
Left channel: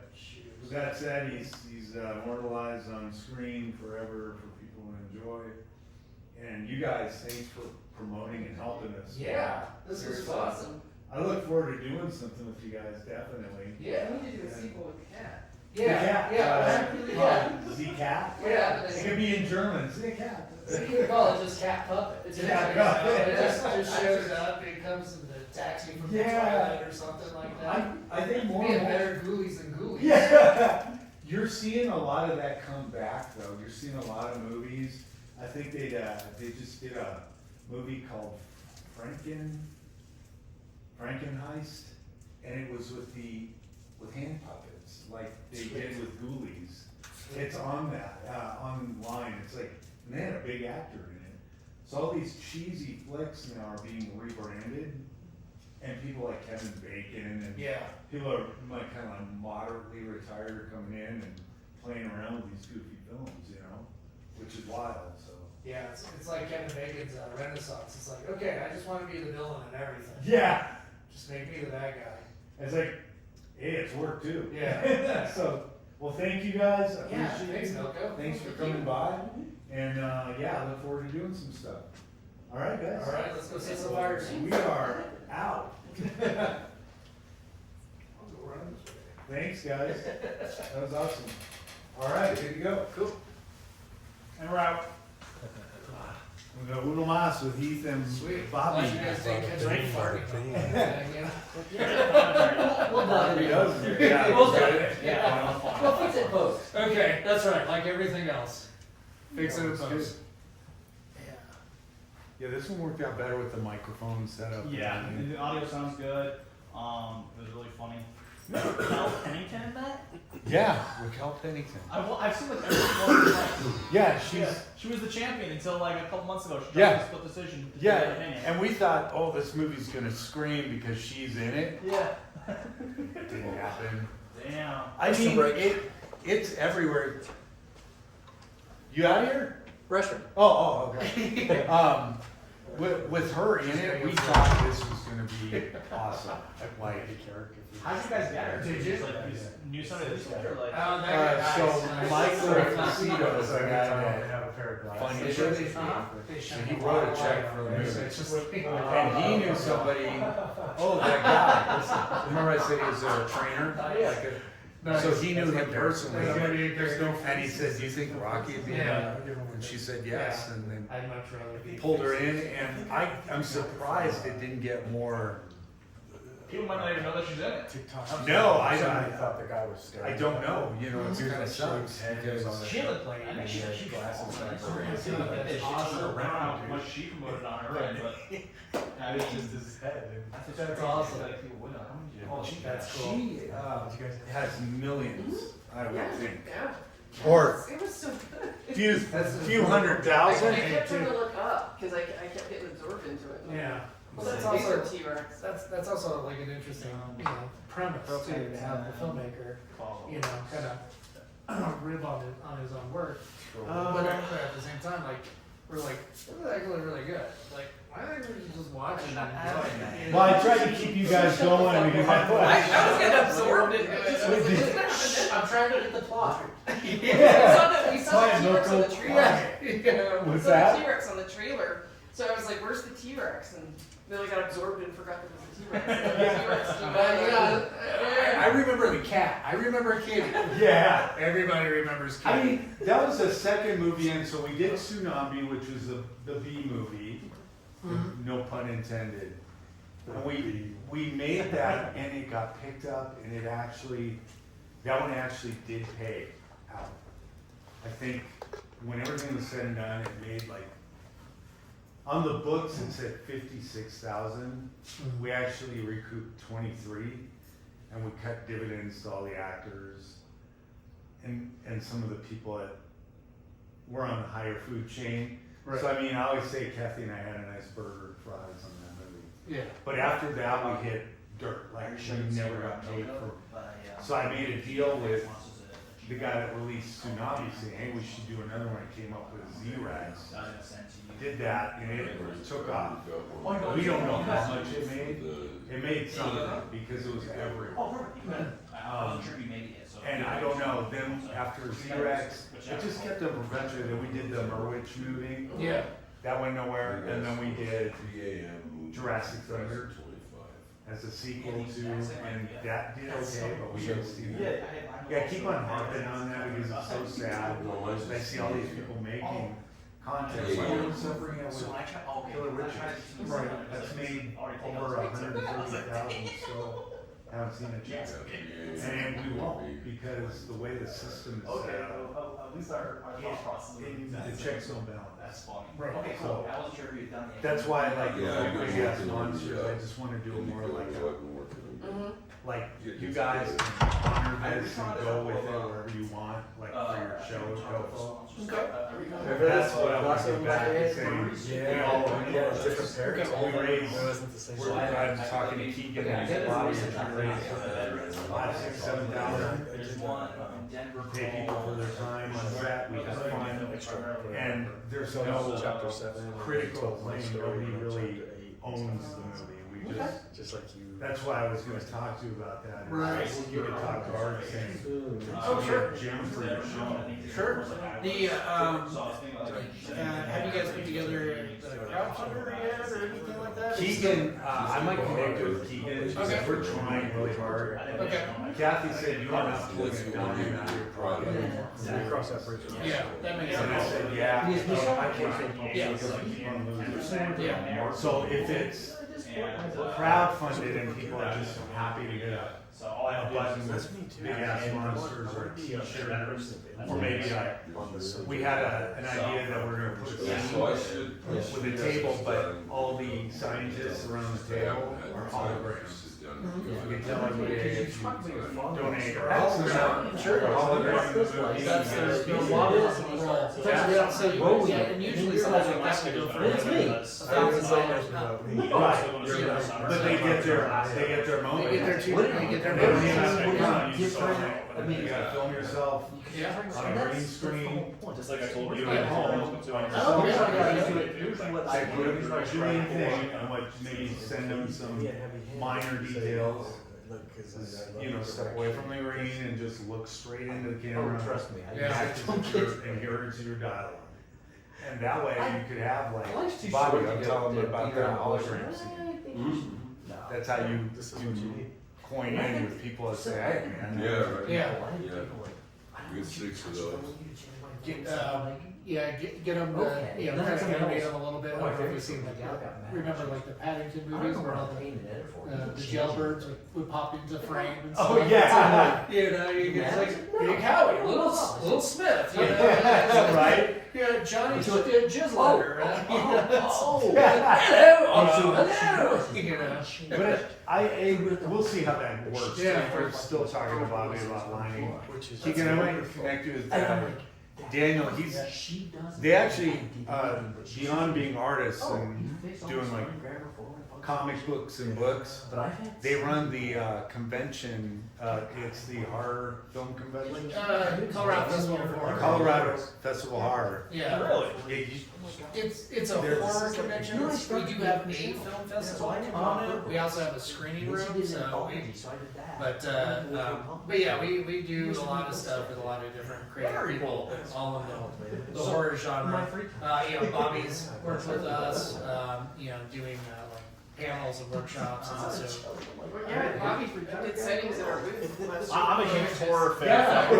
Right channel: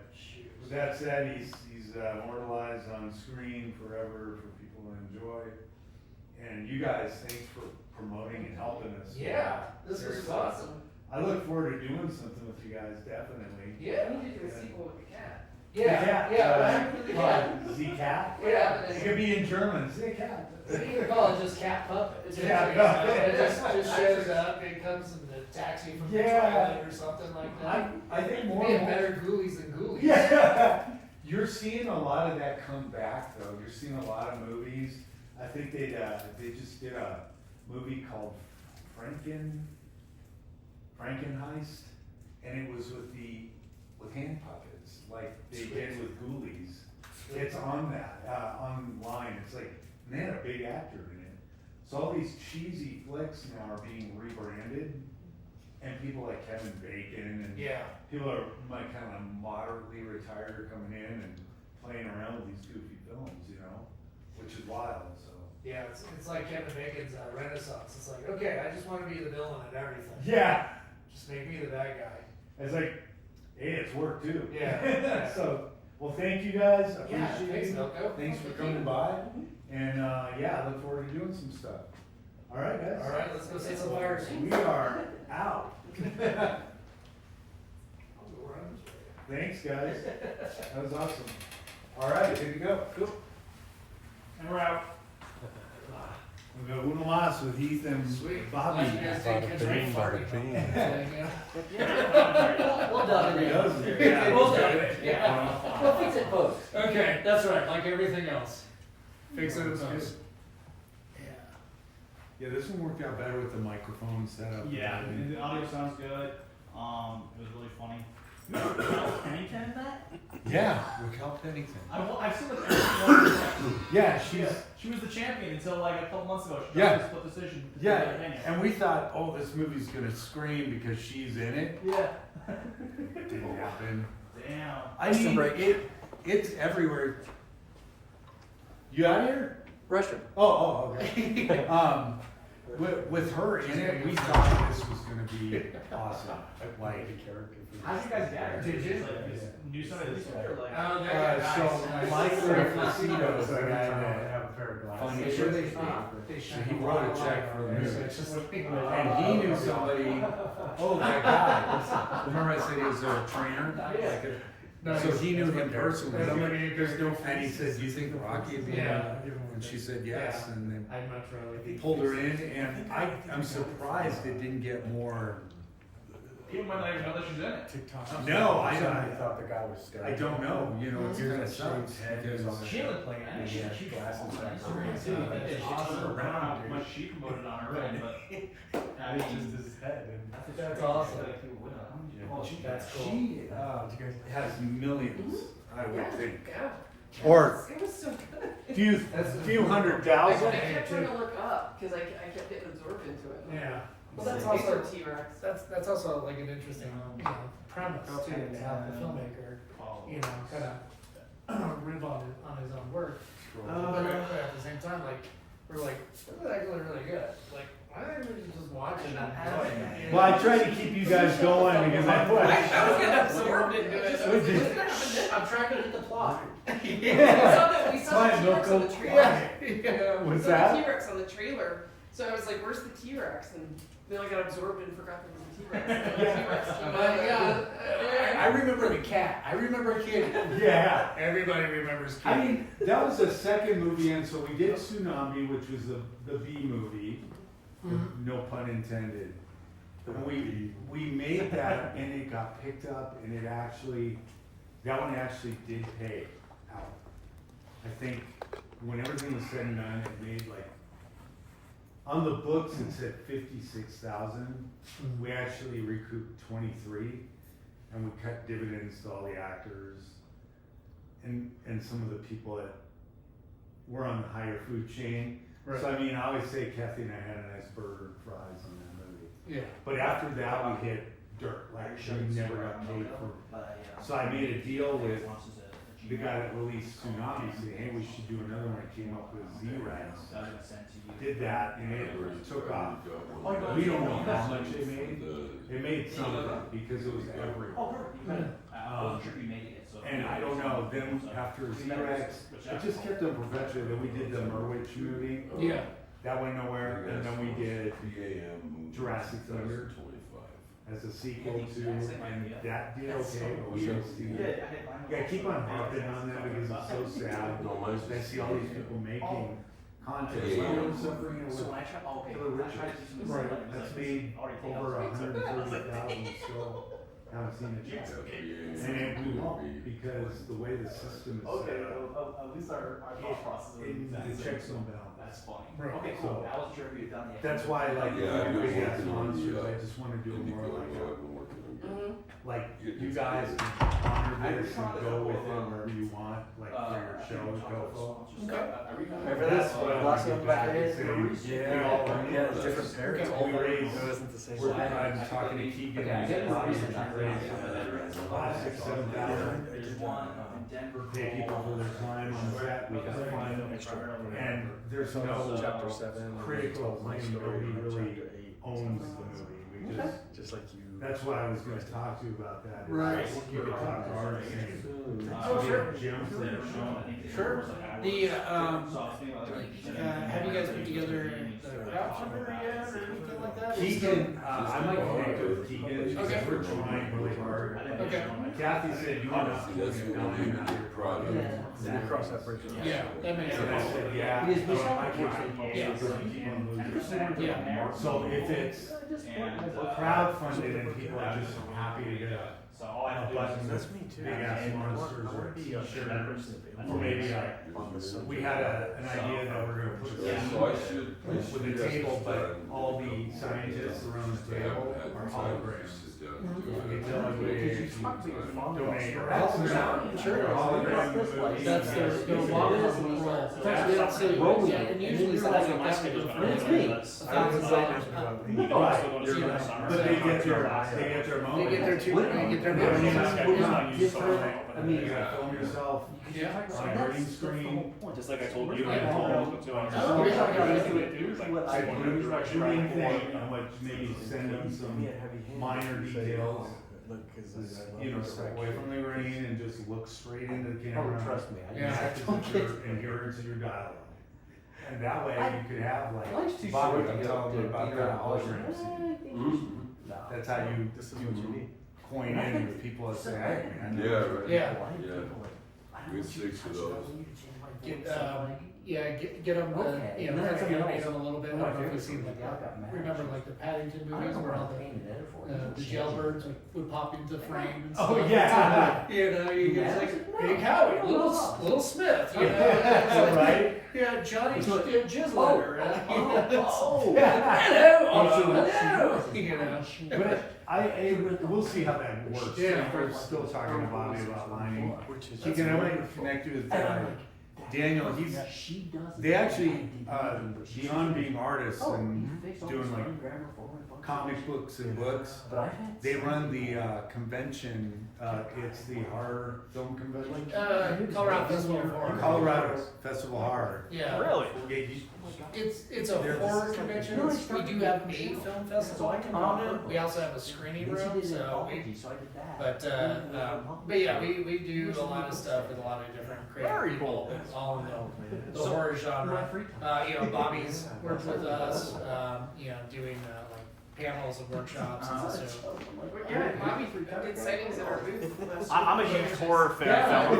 with that said, he's immortalized on screen forever for people to enjoy. And you guys, thanks for promoting and helping us. Yeah, this was Seriously. awesome. I look forward to doing something with you guys, definitely. Yeah. We need to do a sequel with the cat. Yeah. The cat, Yeah. the cat. Yeah. It could be in German. The cat. So you can call it just cat puppet. It's Cat interesting. puppet. It just shows up, it comes in the taxi from the Yeah. toilet or something like that. I think It'd more be a and more. better ghoulies than ghoulies. Yeah. You're seeing a lot of that come back though. You're seeing a lot of movies. I think they just did a movie called Frankenheist, and it was with hand puppets, like they did with Ghoulies. It's on online. It's like, and they had a big actor in it. So all these cheesy flicks now are being rebranded, and people like Kevin Bacon and Yeah. people are like kind of moderately retired coming in and playing around with these goofy films, you know, which is wild. So Yeah, it's like Kevin Bacon's Renaissance. It's like, okay, I just want to be the villain in everything. yeah, Just make me the bad guy. it's like, hey, it's work too. Yeah. So, well, thank you guys. I Yeah, appreciate thanks, you. Milko. Thanks for coming by. And yeah, I look forward to doing some stuff. All right, guys. All right, let's go say some fires. We are out. I'll go run this way. Thanks, guys. That was awesome. All right, good to go. Cool. And we're out. We go Uno Mas with Heath and Sweet. Bobby. Glad you guys didn't drink farting. We'll done it. Yeah. We'll do it. Yeah. We'll fix it post. Okay, that's right, like everything else. Fix it in post. Yeah, this one worked out better with the microphone setup. Yeah, the audio sounds good. It was really funny. Raquel Pennington in that? Yeah, Raquel Pennington. I've seen like every one. Yeah, She was the champion until like a couple months ago. She Yeah. got a split decision. Yeah, Opinion. and we thought, oh, this movie's gonna scream because she's in it. Yeah. It didn't happen. Damn. I mean, it's everywhere. You out here? Restroom. Oh, okay. With her in it, we thought this was gonna be awesome. Like, How'd you guys get her? Did you? Just, like, you knew somebody that used to or like? Oh, there you go. so Nice. Mike Nice. Rafacito is the Every guy time that I have a pair of glasses. Funny They shit. should, they should. He wrote a check for the movie. It's just like, And he knew somebody, oh, that guy, remember I said he was a trainer? No, So he knew him personally. There's no. And he said, do you think Rocky would be Yeah. And she said yes, and then I'd much rather be. pulled her in, and I'm surprised it didn't get more. People might not even know that she's in it. TikTok. No, I I don't. thought the guy was staring. I don't know, you know, it's gonna suck. because- She looked like I think she was glasses huge. on. I don't know Awesome. how much she promoted on her end, but I It's mean, just his head. That's awesome. Like people would know. She, That's cool. she Did you guys? has millions, I would think. Yeah. Or It was so good. few hundred I thousand. kept trying to look up because I kept getting absorbed into it. Yeah. Well, That's that's also also, T-Rex. that's also like an interesting, premise too, to have the filmmaker, kind of rib on his own work. But at the same time, like, we're like, this is actually really good. Like, why don't we just watch it and Well, I tried to keep you guys going because I Absorbed into it. I'm trying to get the plot. We Yeah. saw the Fine, T-Rex on the Milko. trailer. We What's saw that? the T-Rex on the trailer. So I was like, where's the T-Rex? And they like got absorbed and forgot there was a T-Rex. I remember the cat. I remember Kitty. Yeah. Everybody remembers Kitty. I mean, that was the second movie, and so we did Tsunami, which was the B movie, no pun intended. And we made that, and it got picked up, and that one actually did pay out. I think when everything was said and done, it made like, on the books it said 56,000. We actually recouped 23, and we cut dividends to all the actors and some of the people that were on the higher food chain. Right. So I mean, I always say Kathy and I had a nice burger and fries on that movie. Yeah. But after that, we hit dirt. Like we never got paid for. So I made a deal with the guy that released Tsunami, saying, hey, we should do another one. It came up with Z-Rex. Did that, and it took off. We don't know how much it made. It made something because it was everywhere. I'm sure you made it. So And I don't know, then after Z-Rex, it just kept them perpetuating. Then we did the Merwich movie. Yeah. That went nowhere. And then we did Jurassic Thunder as a sequel to, and that did okay, but we didn't see that. Yeah, I keep on harping on that because it's so sad. I see all these people making contest. Yeah. All the stuff we're gonna So with when I try, okay, Killer when I Richard. try to do some Right. stuff, That's it's made already taken over out. 140,000 still haven't seen a check. And we won't, because the way the system is Okay, set up, at least our thought process is the checks don't balance. That's funny. Right. Okay, cool. I wasn't sure if you'd done the. That's why, like, Yeah, I big get ass working on monsters, the, I just wanna do it more like, Mm-hmm. like, you guys can honor this and go with it wherever you want, like, for your show, go flow. Remember That's this? what I want to Black get back and say, we all went in, we raised, I'm talking to Keegan, Yeah, I and did he's the raised reason I think. $6,000-7,000. There's one up in Denver Pay people for their time on set, we have fun, and there's no Chapter 7. critical thing, nobody really owns the movie, we just, like you. that's why I was gonna talk to you about that. is Right. You could talk to artists and. Oh, sure. Jim for your show. Sure. The, have you guys put together the crowdfunder yet or anything like that? Keegan, I might connect with Keegan, Okay. we're trying really hard. Okay. Kathy said you want to look That's at the one building thing that project. project. We cross that bridge. Yeah, that makes And I sense. said, yeah, I It is can't, Yeah. because I can't lose it. Yeah. So if it's crowdfunded and people are just happy to get a button with big ass monsters or a t-shirt, or maybe we had an idea that we're gonna put Yeah, a so I should. with a table, but all the scientists around the table are holograms. If we could tell everybody if you donate or Sure. hologram. That's the longest role. Yeah, so, yeah, and usually something like that would go for It's me. $1,000. Right, but they get their moment. They get their two, they get their Yeah, money. you gotta film yourself Yeah. on a green screen. Just like I told You you. went home. Oh, yeah. I put in my shooting thing, I would maybe send them some minor details. You know, step away from the rain and just look straight into the camera. Trust me. Yeah. And here's your dialogue. And that way you could have like, Lunch too Bobby, short I'm to telling get them about either that holograms. That's how you coin in with people that say, hey, man. Yeah, right. Yeah. Yeah. We had 6 of those. Get them, you know, kind of animate them a little bit. I don't know if you've seen like, remember like the Paddington movies where all the jailbirds would pop into frame and stuff. Oh, yeah. It's like, you know, you get like, Big Howie, little Smith, you know. It's like, Right. yeah, Johnny Jizzletter. Oh. Hello, you know. But we'll see how that works. Yeah. We're still talking to Bobby about lining. He can only connect you with Daniel. They actually, beyond being artists and doing like comic books and books, they run the convention, it's the horror film convention. Colorado Festival of Horror. Colorado Festival of Horror. Yeah. Really? It's a horror convention. We do have a film festival component. We also have a screening room. So, but yeah, we do a lot of stuff with a lot of different creative people, all in the horror genre. You know, Bobby's worked with us. You know, doing like panels and workshops. And so, Bobby did sightings at our booth. I'm a huge horror fan.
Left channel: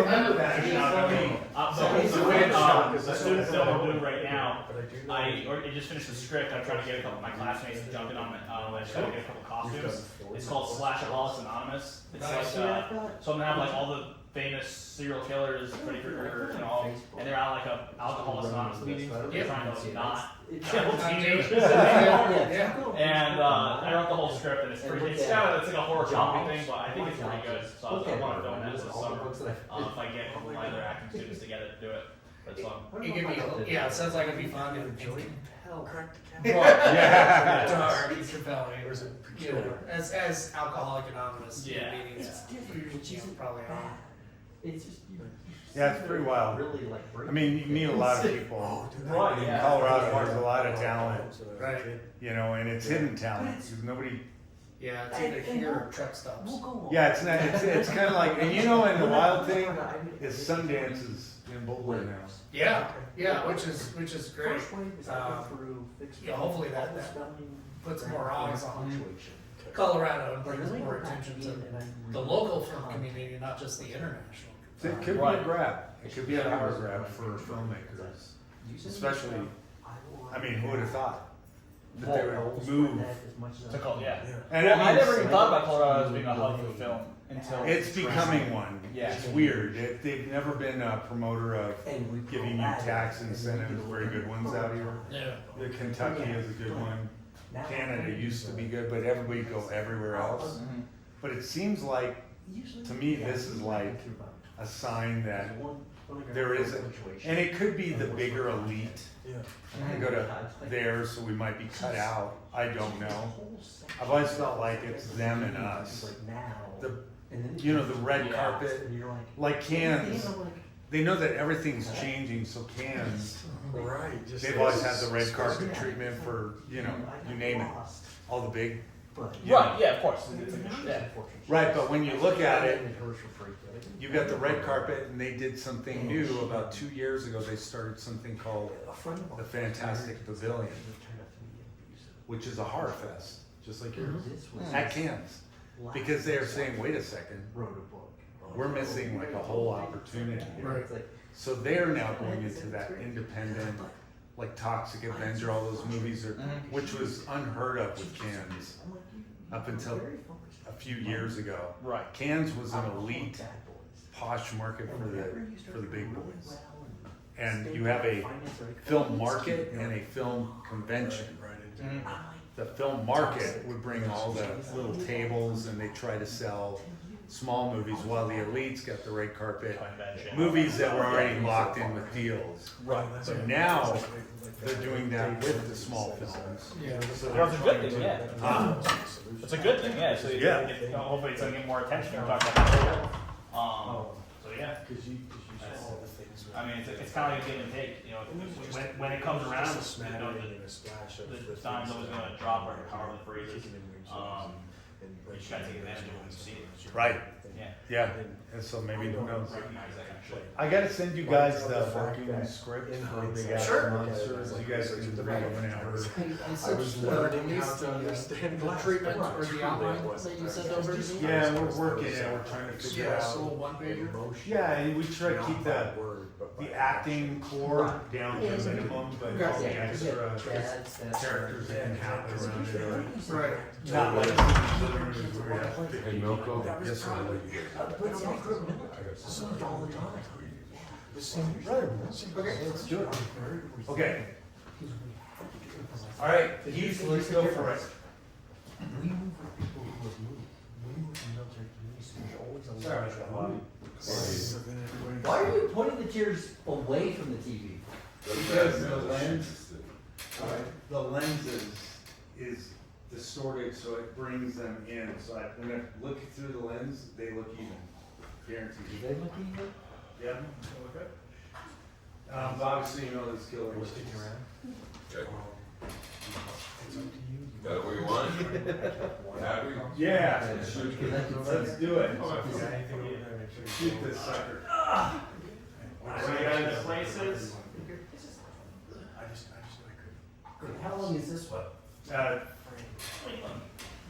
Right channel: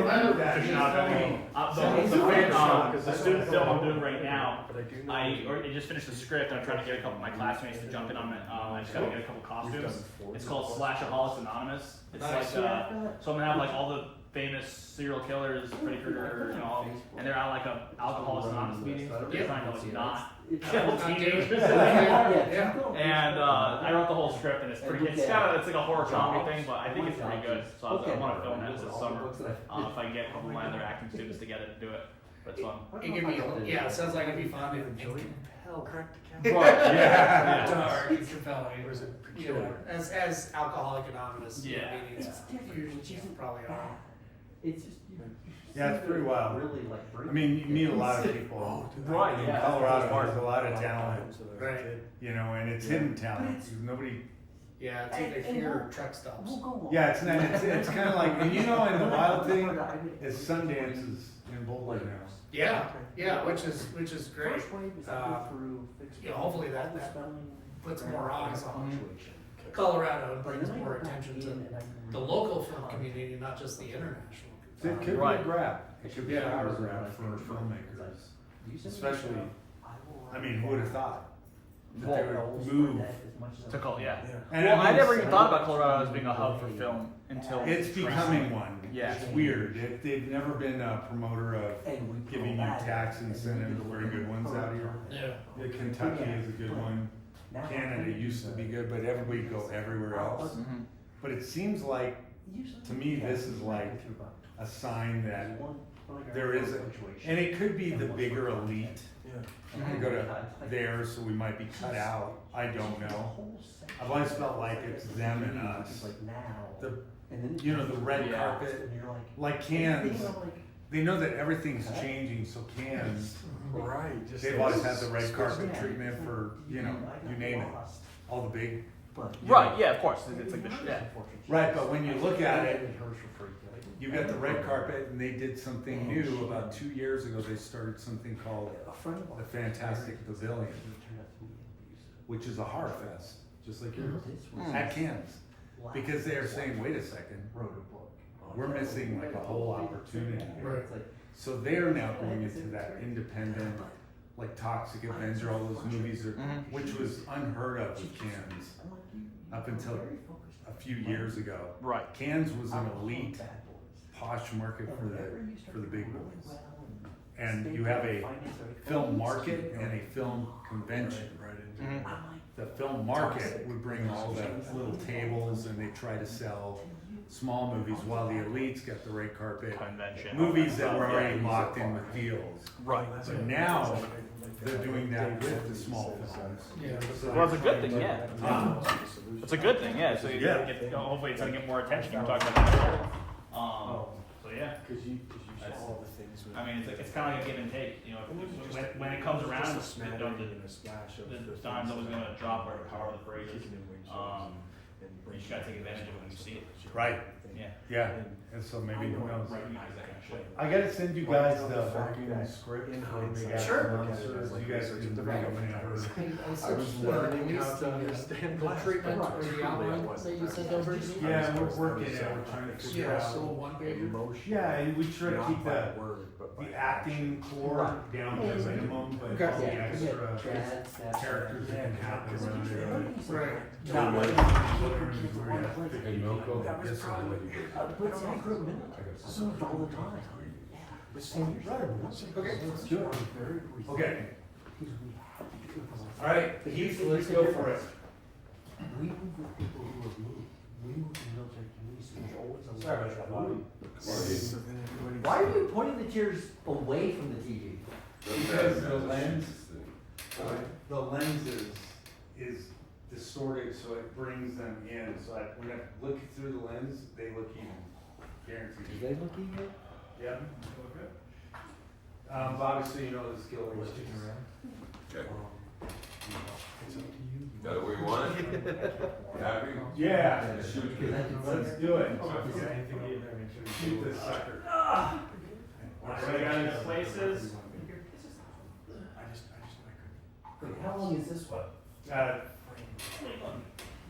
The student film I'm doing right now, I just finished the script. I'm trying to get a couple of my classmates to jump in on it. I just gotta get a couple costumes. It's called Slashaholics Anonymous. It's like, so I'm gonna have like all the famous serial killers, Freddy Krueger, you know, and they're at like a Alcoholics Anonymous meeting. They're trying to like not kill teenagers anymore. And I wrote the whole script, and it's like a horror comedy thing, but I think it's pretty good. So I want to film that this summer. If I can get a couple of my other acting students together to do it, that's fun. it can be, yeah, it sounds like it'd be fun and compelling. Yeah. Dark and compelling. You know, as Alcoholic Anonymous Yeah. meetings usually probably are. It's just, Yeah, it's pretty wild. really like. I mean, you meet a lot of people. Right, In yeah. Colorado, there's a lot of talent, Right. you know, and it's hidden talent. Nobody. Yeah, it's either here or truck stops. Yeah, it's not. It's kind of like, and you know, and the wild thing is Sundance is in Boulder now. Yeah, which is great. Yeah, hopefully that puts more eyes on Colorado and brings more attention to the local film community, not just the international. It could be a grab. It could be a power grab for filmmakers, especially I mean, who would have thought that Well, they would move? To call, yeah. And Well, I mean, never even thought about Colorado as being a hub for film until It's becoming one. Yeah. It's weird. They've never been a promoter of giving you tax incentives, very good ones out here. Yeah. Kentucky is a good one. Canada used to be good, but everybody go everywhere else. Mhm. But it seems like, to me, this is like a sign that there is a, and it could be the bigger elite. We go to there, so we might be cut out. I don't know. I've always felt like it's them and us. The red carpet, like Cannes, they know that everything's changing, so Cannes, they've always had the red carpet treatment for, you name it, all the big. Right, yeah, of course. It's a good yeah. Right, but when you look at it, you got the red carpet, and they did something new about 2 years ago. They started something called the Fantastic Pavilion, which is a horror fest, just like yours, at Cannes. Because they are saying, wait a second, we're missing like a whole opportunity. Right. So they're now going into that independent, like Toxic Avenger, all those movies, which was unheard of with Cannes up until a few years ago. Right. Cannes was an elite, posh market for the big boys. And you have a film market and a film convention. The film market would bring all the little tables, and they try to sell small movies, while the elites got the red carpet Convention. movies that were already locked in with deals. Right. So now they're doing that with the small films. Yeah. So Well, it's a good thing, yeah. It's a good thing, yeah. So Yeah. hopefully it's gonna get more attention. You talked about that earlier. So yeah. I mean, it's kind of like a give and take. When it comes around, the dime's always gonna drop, or however the phrase is. You just gotta take advantage of it when you see it. Right, Yeah. yeah, and so maybe who knows. Recognize that kind of shit. I gotta send you guys the working script for Big Ass Sure. Monsters. You guys can read it whenever. I sent the treatment or the outline that you sent over to me. Yeah, we're working it, we're trying to figure Yeah, so out. one pager. Yeah, we try to keep the acting core down to a minimum, but all the extra characters that can happen around it. Right. Hey, Milko. Yes, sir. Okay, let's do it. Okay. All right, Heath, let's go for it. Sorry about that, Bobby. Why are you putting the chairs away from the TV? Because the lens is distorted, so it brings them in. So when I look through the lens, they look even. Guaranteed. Are they looking at? Yep. Okay. Obviously, this killer was. Okay. Got it where you want it? Happy? Yeah. Shoot. Let's do it. Shoot this sucker. So you got into places. How long is this one?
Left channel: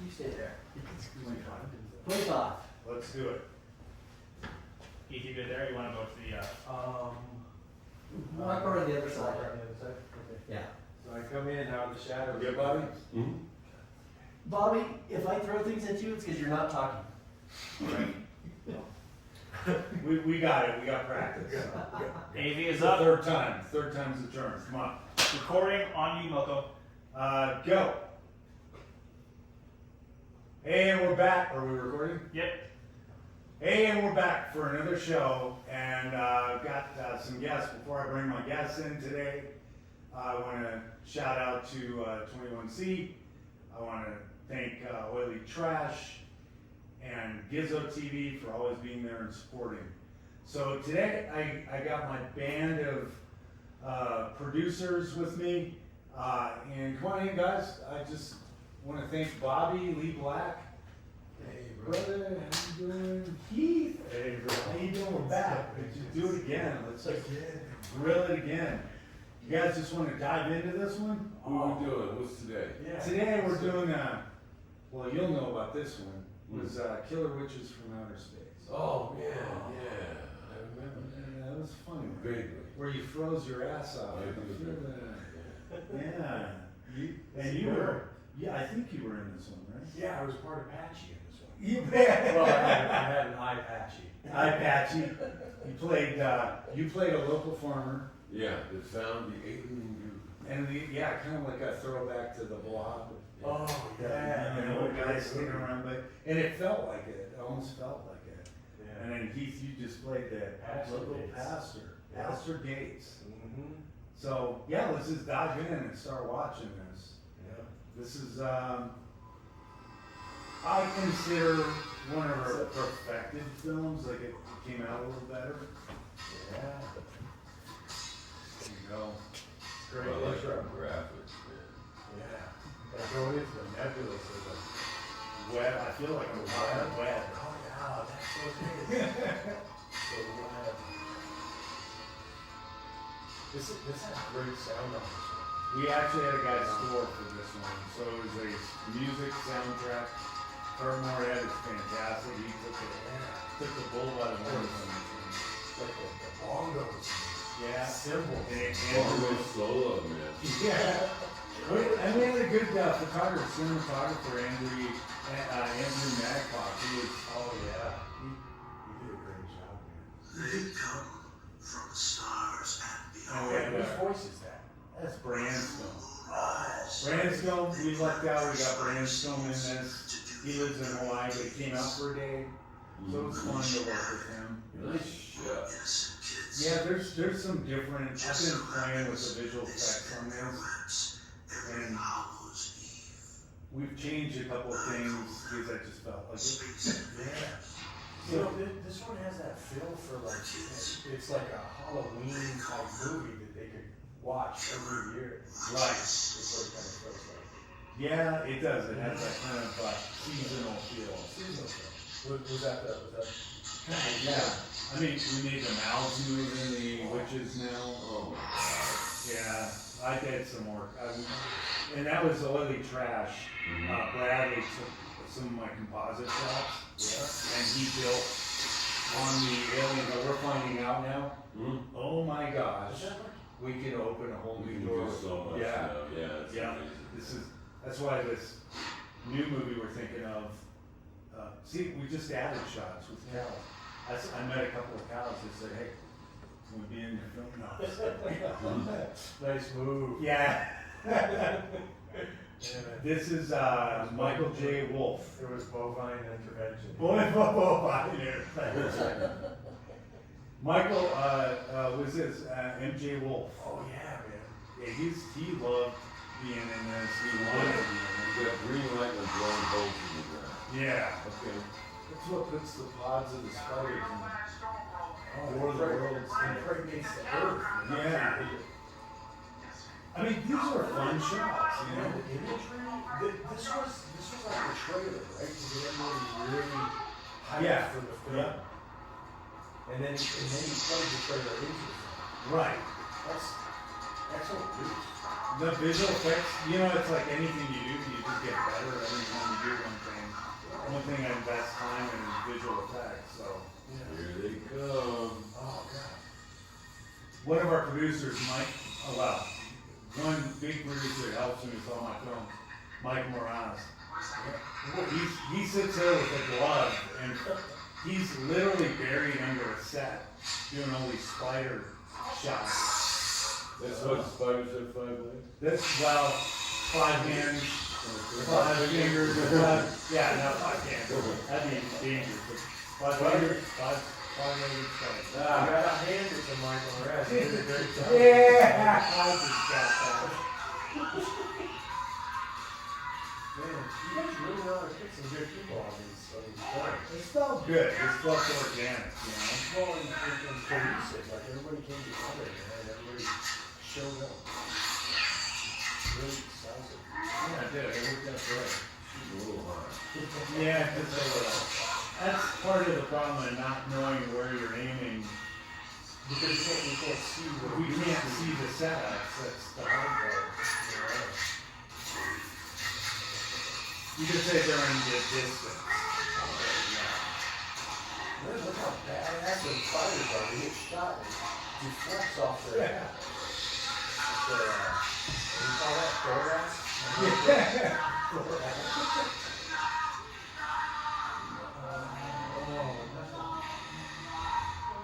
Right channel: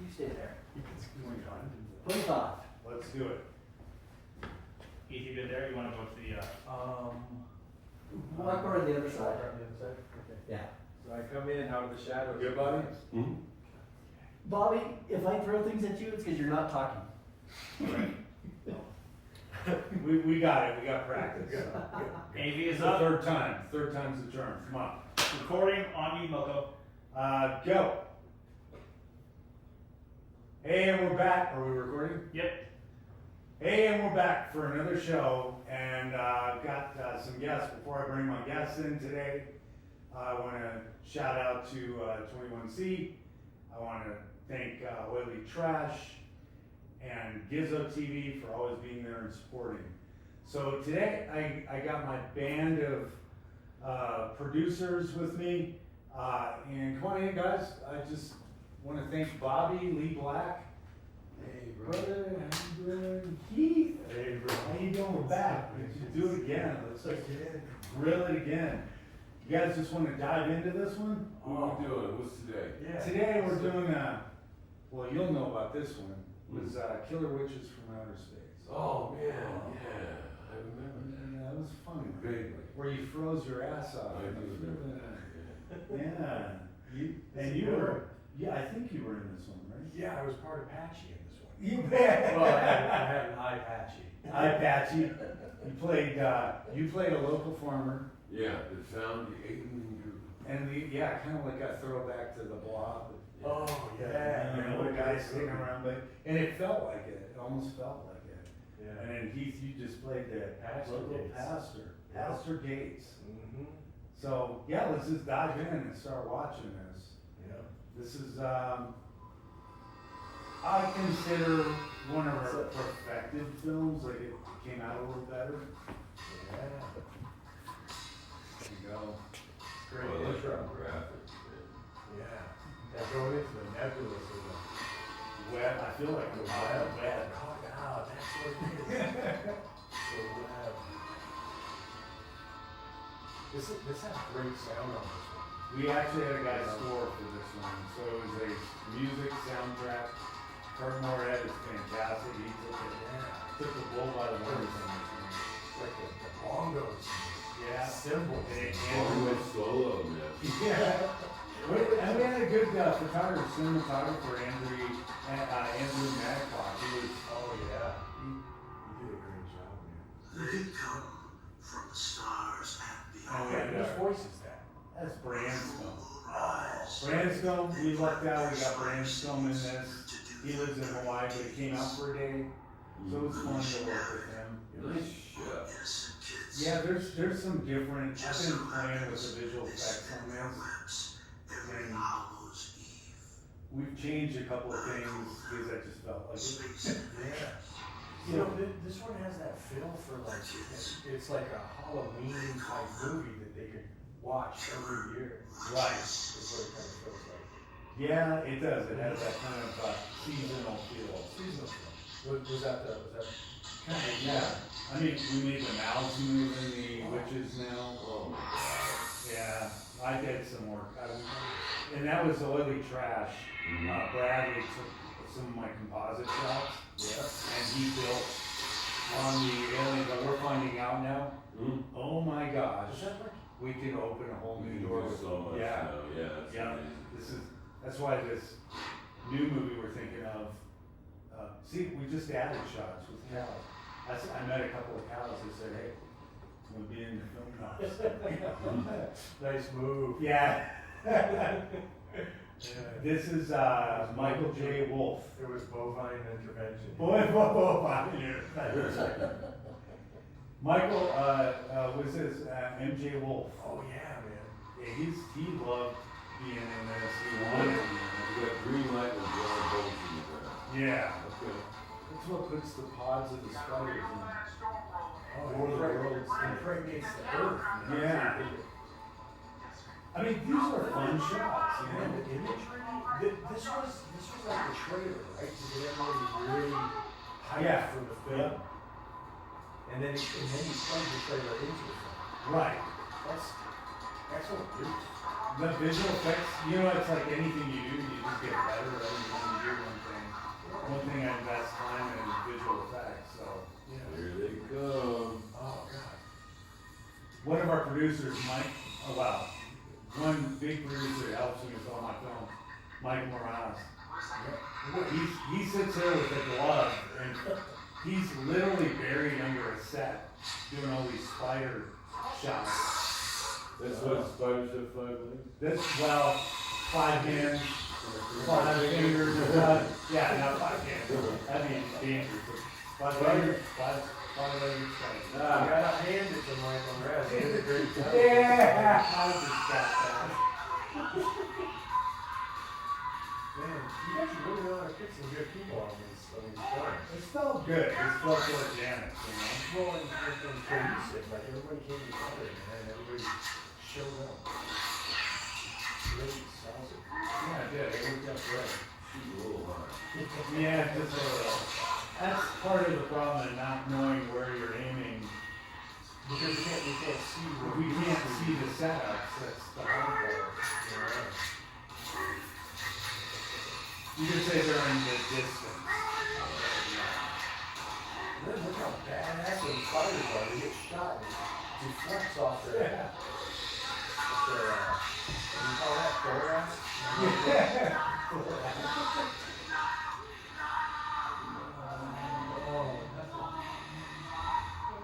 You stay there. 25. Let's do it. Heath, you good there? You wanna go to the, Walk over to the other side. Yeah. So I come in out of the shadows. Good, Bobby? Bobby, if I throw things at you, it's because you're not talking. We got it. We got practice. AV It's is the up. third time. Third time's the charm. Come on. Recording on you, Milko. Go. Hey, and we're back. Are we recording? Yep. Hey, and we're back for another show, and I've got some guests. Before I bring my guests in today, I want to shout out to 21C. I want to thank Oily Trash and Gizzo TV for always being there and supporting. So today, I got my band of producers with me, and come on in, guys. I just want to thank Bobby Lee Black. Hey, brother, how you doing? Heath. Hey, bro. How you doing? We're back. Let's do it again. Let's grill it again. You guys just want to dive into this one? What are we doing? What's today? Today we're doing, well, you'll know about this one, was Killer Witches from Outer Space. Oh, yeah, I remember. Yeah, that was funny. Vaguely. Where you froze your ass off. I do remember. Yeah. You were, yeah, I think you were in this one, right? Yeah, I was part of Patchy in this one. You bet. Well, I had an eye patchy. I Patchy. You played a local farmer, Yeah, that found the alien group. and yeah, kind of like a throwback to the Blob. Oh, yeah. And the old guys sitting around, and it felt like it. It almost felt like it. Yeah. And then Heath, you just played the Pastor local Gates. pastor, Yeah. Pastor Gates. Mm-hmm. So yeah, let's just dive in and start watching this. Yeah. This is I consider one of our perfected films. Like it came out a little better. Yeah. There you go. Great Well, I like intro. the graphics, man. Yeah. And going into the nebulous of the Wet. I feel like I'm wet. Oh, yeah, that's so good. So glad. This has great sound on this one. We actually had a guy score for this one, so it was a music soundtrack. Kurt Moorhead is fantastic. He took the bull by the horns on this one. Like the bongos, Yeah. cymbals. Bongo solo, man. Yeah. And we had a good photographer, cinematographer, Andrew Maddog. He was, Oh, yeah. He did a great job, man. They come from the stars and and we beyond. had, Whose voice is that? that's Branscombe. Rise. Branscombe, we lucked out, we got Branscombe in this. He lives in Hawaii, but he came out for a day, so it was fun to work with him. Nice shot. Innocent kids. Yeah, there's some different, I've been playing with the visual effects on this. Regrets every And Hallows Eve. we've changed a couple of things, because I just felt like it. Speaks of Yeah. You know, this one has that feel for like, it's like a Halloween type movie that they could watch every year. Right. It's what it kind of feels like. Yeah, it does, it has that kind of seasonal feel. Seasonal. Was that Kind of, yeah. I mean, we made the Mouse movie, the Witches now. Oh, Yeah, I did some work. And that was oily trash. Bradley took some of my composite shots, and he built on the aliens that we're finding out now. Hmm? Oh my gosh, we can open a whole You new can door. do so much Yeah, now, yeah. It's yeah. amazing. That's why this new movie we're thinking of. See, we just added shots with cows. I met a couple of cows that said, "Hey, can we be in your film now?" Nice move. Yeah. Yeah. This is Michael J. Wolf. It was bovine intervention. Michael was this MJ Wolf. Oh yeah, man. Yeah, he loved being in this. He wanted to be You got green light and blowing holes in the ground. in it. Yeah. Okay. That's what puts the pods of the spiders in. Oh, War of the Worlds impregnates the earth. You know? Yeah. I mean, these are fun shots, you And know. the imagery, this was like a trailer, right? To get everybody really hyped Yeah. for the film. And then he plugged the trailer into it. Right. That's what it is. The visual effects, you know, it's like anything you do, you just get better every time you do one thing. One thing I invest time in is visual effects, so. Here they come. Oh god. One of our producers, Mike, one big producer that helps me with all my films, Mike Moranis. He sits there with a glove and he's literally buried under a set doing all these spider shots. That's what spiders have 5 legs? This, 5 hands, 5 fingers, yeah, not 5 hands. That'd be dangerous. 5 fingers, 5 legs, You gotta hand it to Michael Rez. He did a great job. Yeah, I just got that. Man, you guys really know how to pick some good people on these films. It felt good. It felt organic, you know. Well, and cohesive, like everybody came together, man, everybody showed up. Really solid. Yeah, it did. It worked out great. She's a little high. Yeah, just a little. That's part of the problem in not knowing where you're aiming. Because you can't see what We can't see the setups. That's the hard part. You can say they're in the distance. Look how badass those fighters are. They get shot and deflects off their call that Thorax?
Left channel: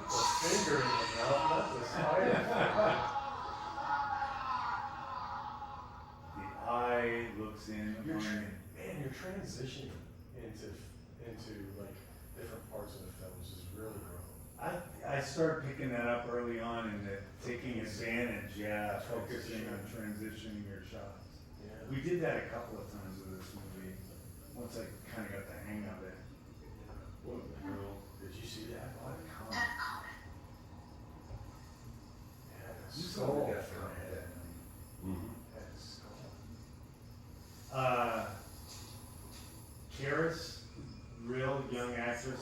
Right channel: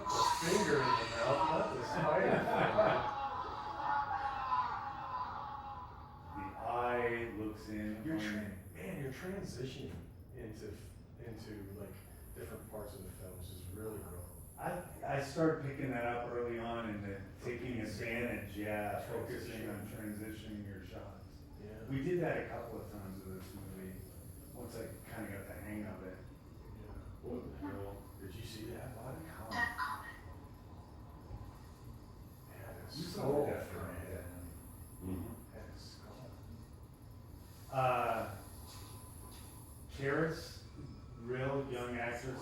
A finger in the mouth, not the spider. The eye looks in. Man, your transition into like different parts of the films is really cool. I started picking that up early on and taking advantage, focusing on transitioning your shots. Yeah. We did that a couple of times with this movie, once I kind of got the hang of it. What the hell? Did you see that? What? You Yeah, it's saw so the Death different. Guy that night. Mm-hmm. That's cool. Karis, real young actress,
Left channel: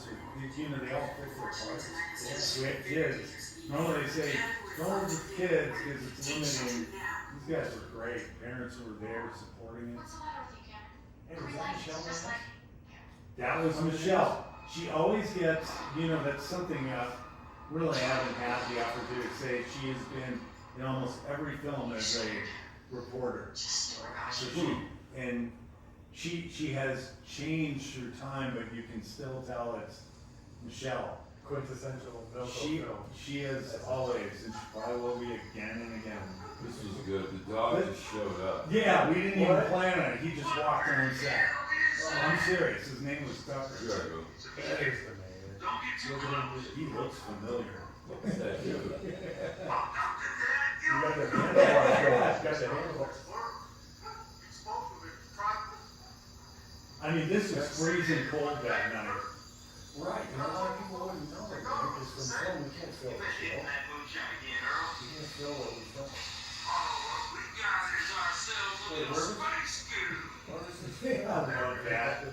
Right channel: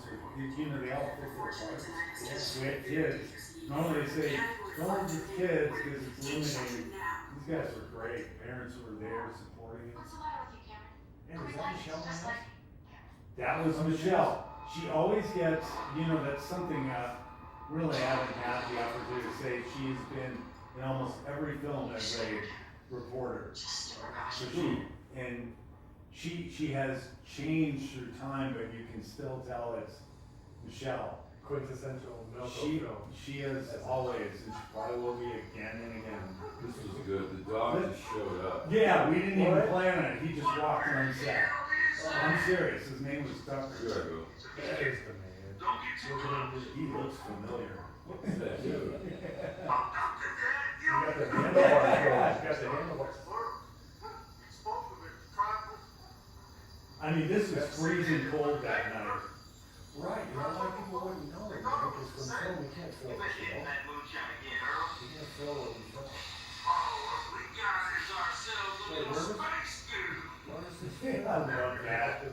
you know, they all pick their parts. We had kids. Normally they say, don't work with kids because it's limiting. These guys were great. Parents were there supporting it. Hey, was that Michelle? That was Michelle. She always gets, you know, that's something really haven't had the opportunity to say. She has been in almost every film as a reporter. So she has changed through time, but you can still tell it's Michelle. Quintessential Milko film. She is always, and she probably will be again and again. This was good. The dog just showed up. Yeah, we didn't even What? plan on it. He just walked on set. I'm serious. His name was Tucker. Here I go. That is the man. Look at him. He looks familiar. What's that doing? You got the handlebars going. You got the handlebars. I mean, this was freezing cold that night. Right, you know, a lot of people wouldn't know it, man, because from film we can't feel what we feel. We can't feel what we feel. Wait, where was it? What is this? I love that.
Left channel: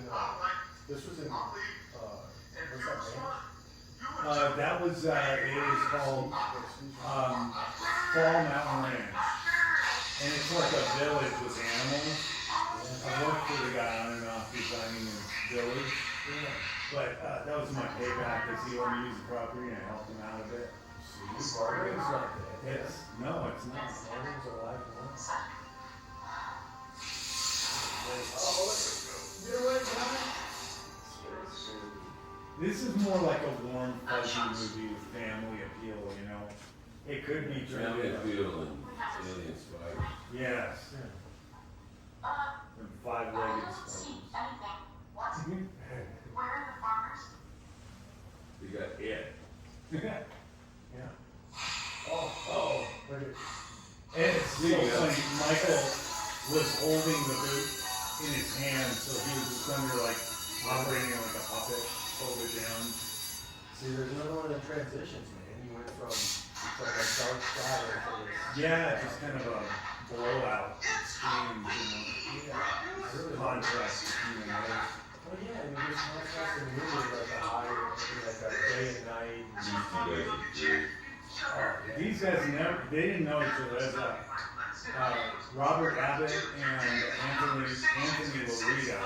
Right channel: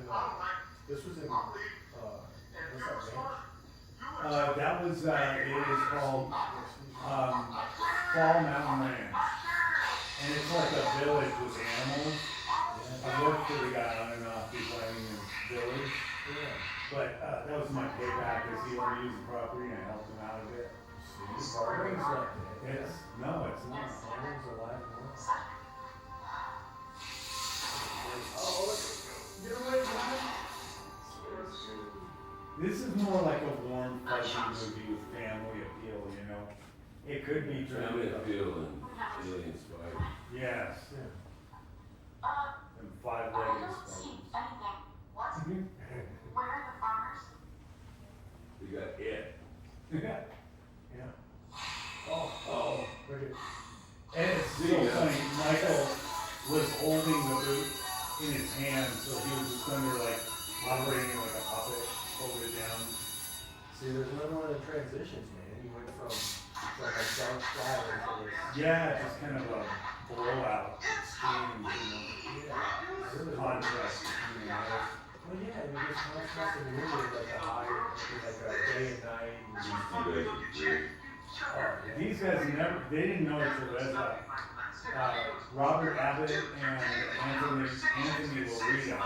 This was in, what's That was, it was called, Fall Mountain Ranch. And it's like a village with animals. I worked for the guy on and off designing this village. But, that was my payback, is he wanted to use the property and I helped him out of it. Bargain's not dead. It's, no, it's not. Bargain's alive. Get away, man. This is more like a warm, fuzzy movie with family appeal, you know? It could be Family driven. appeal and alien spiders. Yes. And five-legged spiders. We got it. Yeah. Oh, look at. And it's so funny, Michael was holding the boot in his hand, so he was just under like operating like a puppet, hold it down. See, there's another one of the transitions, man. You went from like a dark cloud into this. Yeah, just kind of a blowout. Extreme, you know, contrast between the others. Well, yeah, and you just contrast the movie with like a higher, like a day and night. These guys they didn't know each other. As Robert Abbott and Anthony Lorita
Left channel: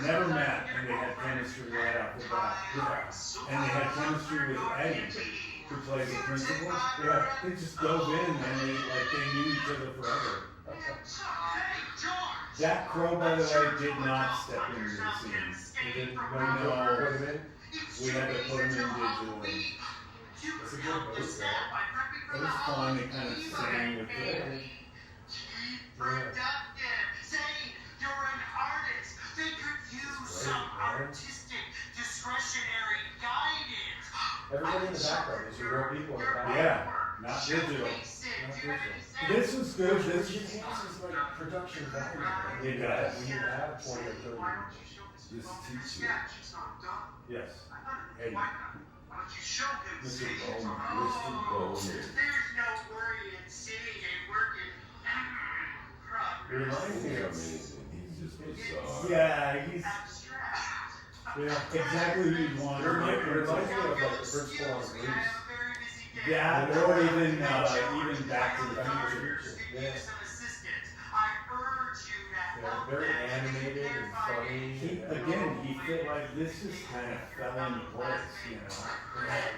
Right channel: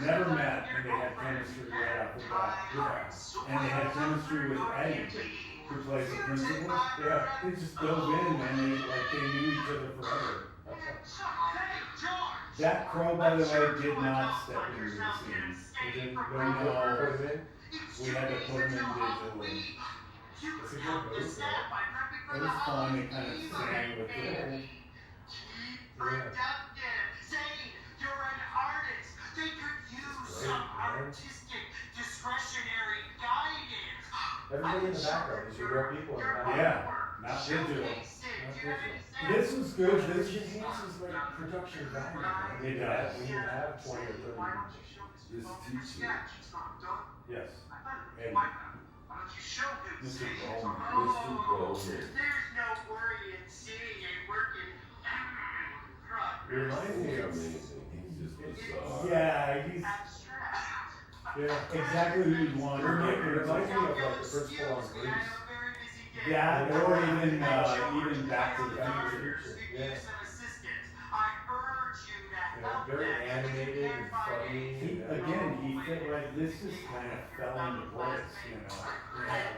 never met, and they had chemistry right off the bat. Yeah. And they had chemistry with Eddie, who plays the principal. Yeah, they just dove in and they knew each other forever. That crow, by the way, did not step into the scene. You didn't No, put him in? we had to put him in digitally. It's a good move, though. It was fun. It kind of sang with it. Everybody in the background, these are real people in the background. Yeah, not digital. Not digital. This was good. Which This enhances like production value, man. It does. We need to have 20 or 30 minutes. This teacher. yes. Eddie. Mr. Bowman. Mr. Bowman. It reminds me He's of, amazing. He's just bizarre. Yeah, he's exactly who you'd want. it reminds me of like the principal on Grease. Yeah, or even Back to the Future. Yeah. Yeah. Yeah, very animated and funny. He, and, again, he felt like this just kind of fell into place, you know?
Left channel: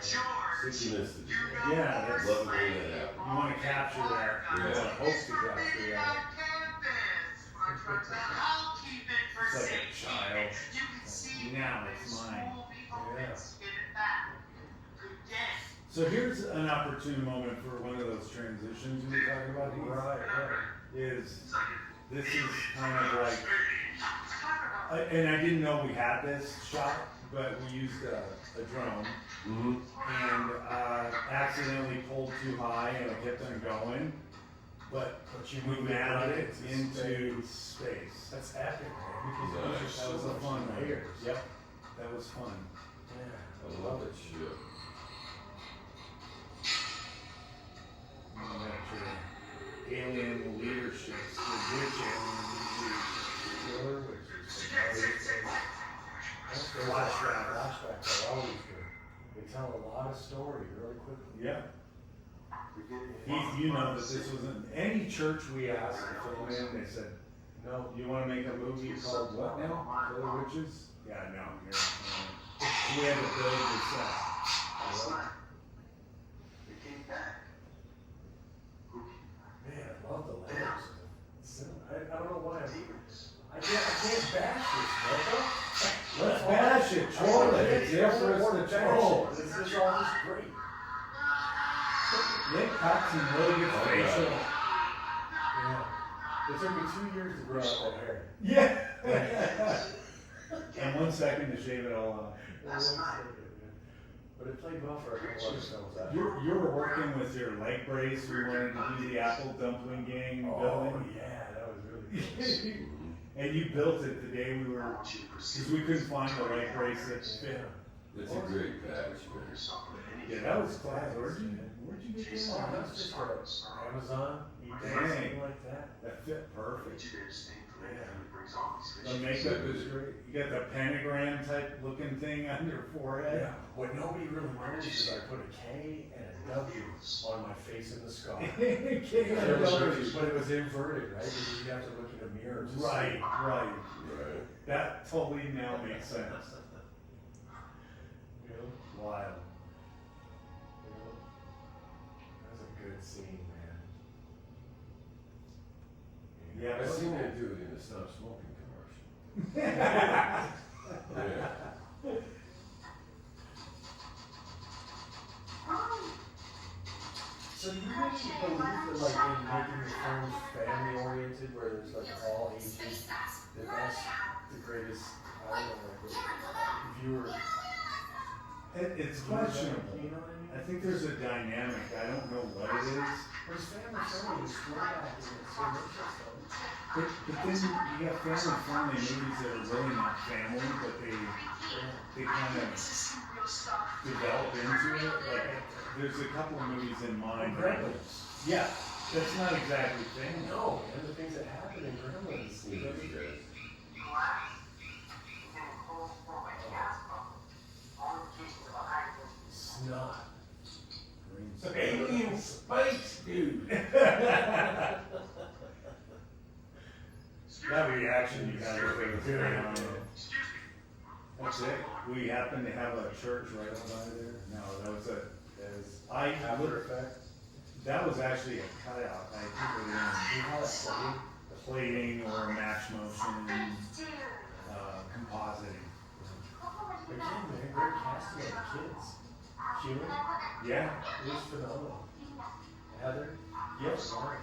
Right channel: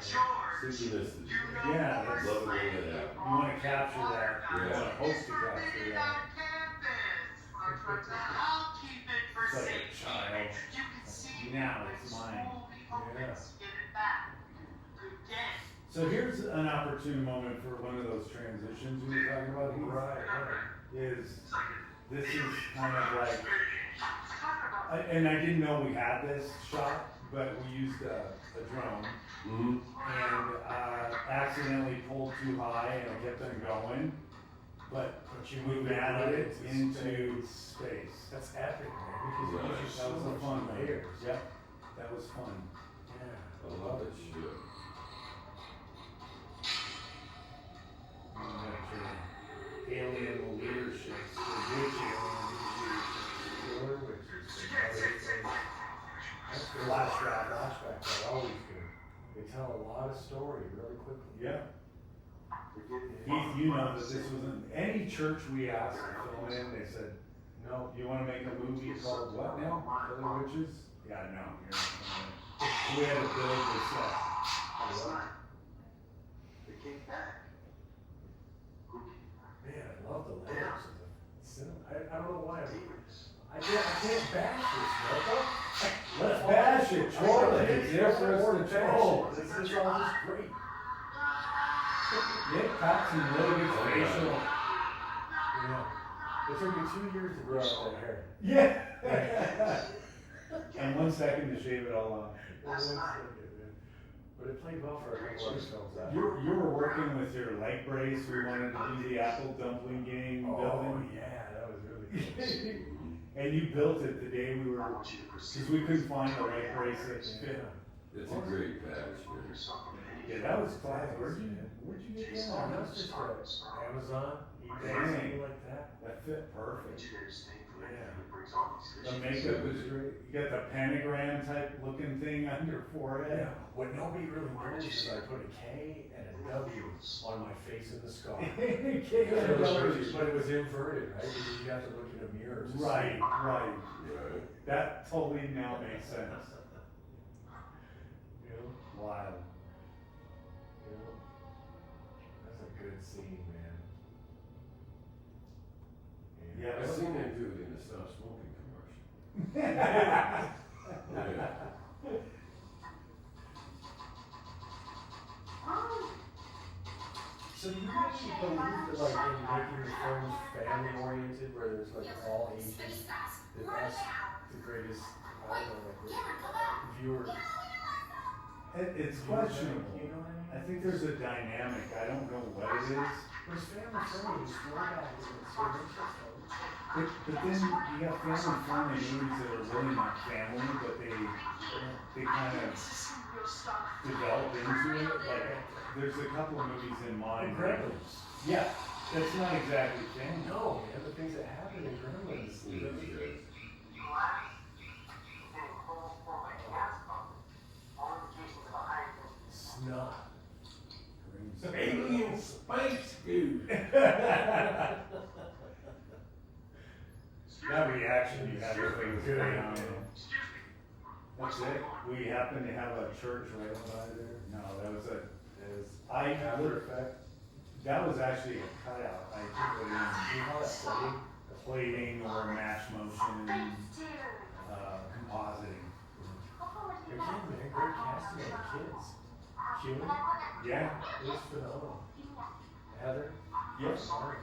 Synchronicity. Yeah, that's, Love it when that you happens. want to capture that, you want to hope to capture that. It's like a child. Now it's mine. Yeah. So here's an opportune moment for one of those transitions we were talking about. Right, right. Is this is kind of like, and I didn't know we had this shot, but we used a drone Mm-hmm. and accidentally pulled too high and I kept on going, but you we moved mounted it into into space. That's epic, man. Because Right. you just That so was a much fun one. layers. Yep, that was fun. Yeah. I love that shit. Alien leadership, religion, Killer, which is another thing. That's the Flashback. flashbacks are always good. They tell a lot of story really quickly. yep. You know that this wasn't any church we asked to film in. They said, No, "You want to make a movie called what now? Killer Witches?" Yeah, no. We had to build the set. man, I love the layers of the cinema. I don't know why I can't bash this, Milko. Let's bash it, troll it. It's there for us to troll. This is all just great. Nick got some really good facial. Yeah. It took me 2 years to grow out that hair. Yeah. And 1 second to shave it all off. But it played well for a couple other films. You were working with your light brace. We wanted to do the Apple Dumpling Gang Oh, building. yeah, that was really good. And you built it the day we were, because we couldn't find the light brace that fit. It's a great patch, man. Yeah, that was class. Where'd you get that? Oh, that's just for Amazon, eBay, Dang. something like that. That fit perfect. Yeah. The makeup is great. You got the pentagram type looking thing on your forehead. Yeah, what nobody really knows is I put a K and a W on my face in the sky. But it was inverted, right? Because you'd have to look in a mirror. to see Right, it. right. Right. That totally now makes sense. You know? Wild. You know? That's a good scene, man. Yeah, I but seen they do it in the Stop Smoking commercial. Yeah. So do you actually believe that, like, in making films family oriented, where there's like all ages, that that's the greatest, I don't know, like, if you were, It's questionable. you know what I mean? I think there's a dynamic. I don't know what it is. But it's family friendly, it's throwback, it's so much stuff. But then you got family friendly movies that are really not family, but they kind of develop into it. Like there's a couple of movies in mind. Gremlins. Yeah, that's not exactly family. No, man, the things that happen in Gremlins. Snot. Alien space dude. That reaction you had was good. That's it. We happen to have a church right by there. No, that was After effect. that was actually a cutout. I put it in. You know that plating? Plating or match motion, compositing. They're kidding, they're great casting of the kids. Human, Yeah, it was phenomenal. Heather? yes.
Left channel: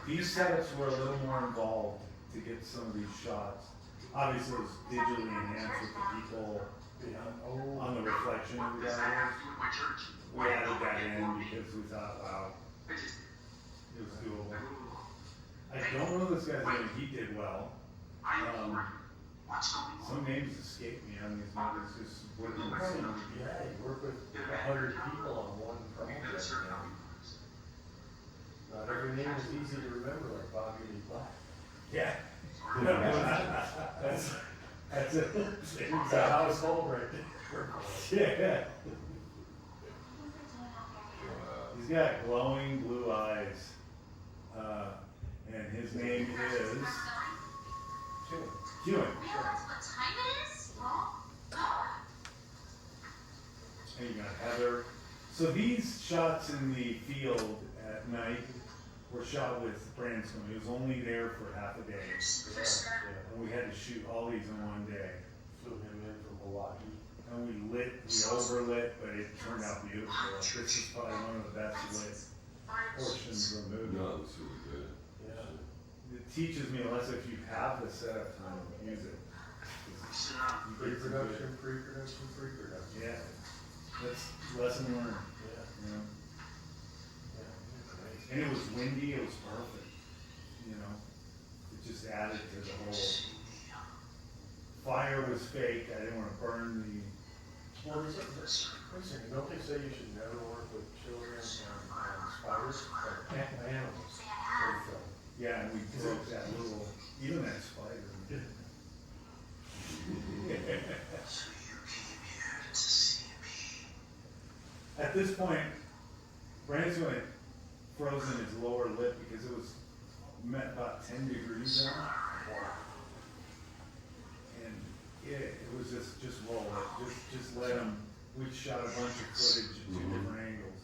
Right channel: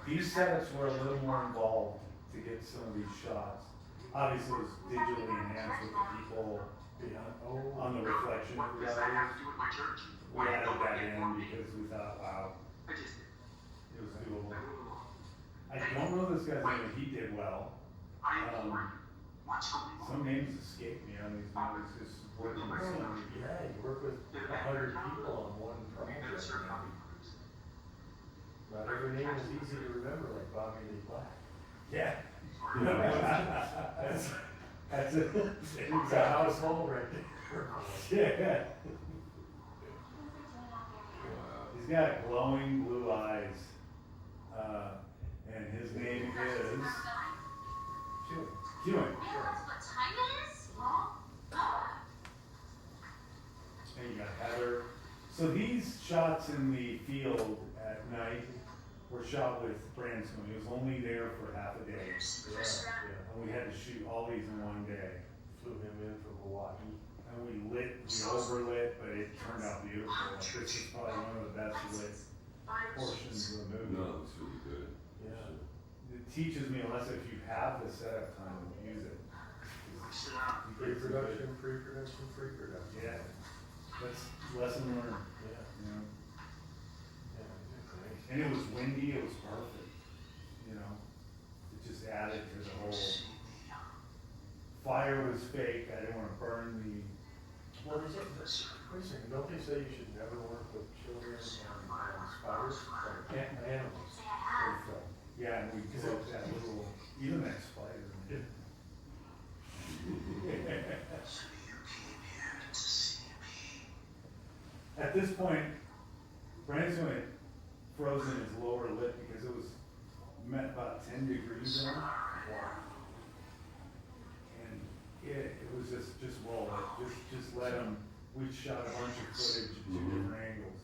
These setups were a little more involved to get some of these shots. Obviously, it was digitally enhanced with the people Yeah, on the reflection of the audience. We added that in because we thought, wow, it was doable. I don't know this guy's name. He did well. Some names escape me on these movies. Just working with some. yeah, you work with 100 people on one project. Not every name is easy to remember, like Bobby Lee Black. Yeah. That's it. It's a household right there. Yeah. He's got glowing blue eyes. And his name is. Sure. Hewitt. Realize what time it is? And you got Heather. So these shots in the field at night were shot with Branscombe. He was only there for half a day. And we had to shoot all these in one day. Flew him in from Milwaukee. And we overlit, but it turned out beautiful. Like, this is probably one of the best lit portions of the movie. No, it's really good. Yeah. It teaches me a lesson. If you have the setup time, use it. Pre-production, pre-production, pre-production. Yeah, that's lesson learned. Yeah. You know, Yeah. Great. and it was windy. It was perfect. You know, it just added to the whole. Fire was fake. I didn't want to burn the. Well, is it, listen, don't they say you should never work with children and spiders? Or animals? Or, Yeah, and we broke that little, even that spider. So you came here to see me. At this point, Branson had frozen his lower lip because it was about 10 degrees out. And it was just roll it, just let him. We shot a bunch of footage at two different angles.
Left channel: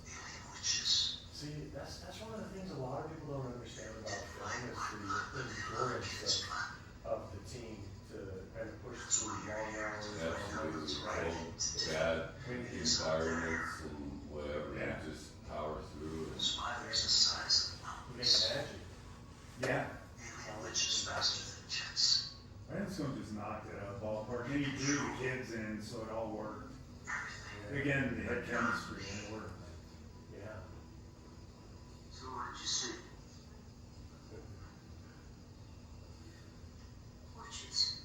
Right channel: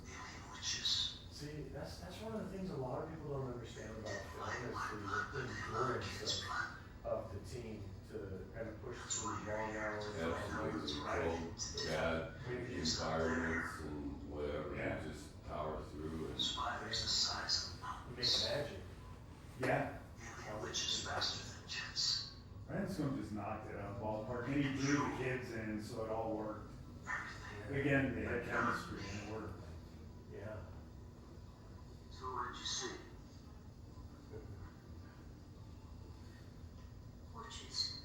Witches. see, that's one of the things a lot of people don't understand about film is the endurance of the team to kind of push through long hours. Absolutely, so bad environments and whatever, you just power through and. Spiders the size of the You mountains. make magic. Yeah, Alien witches faster than jets. Branson just knocked it out of the ballpark. And he drew the kids in, so it all worked. Again, they had chemistry and it worked. Yeah. So what did you see? Witches.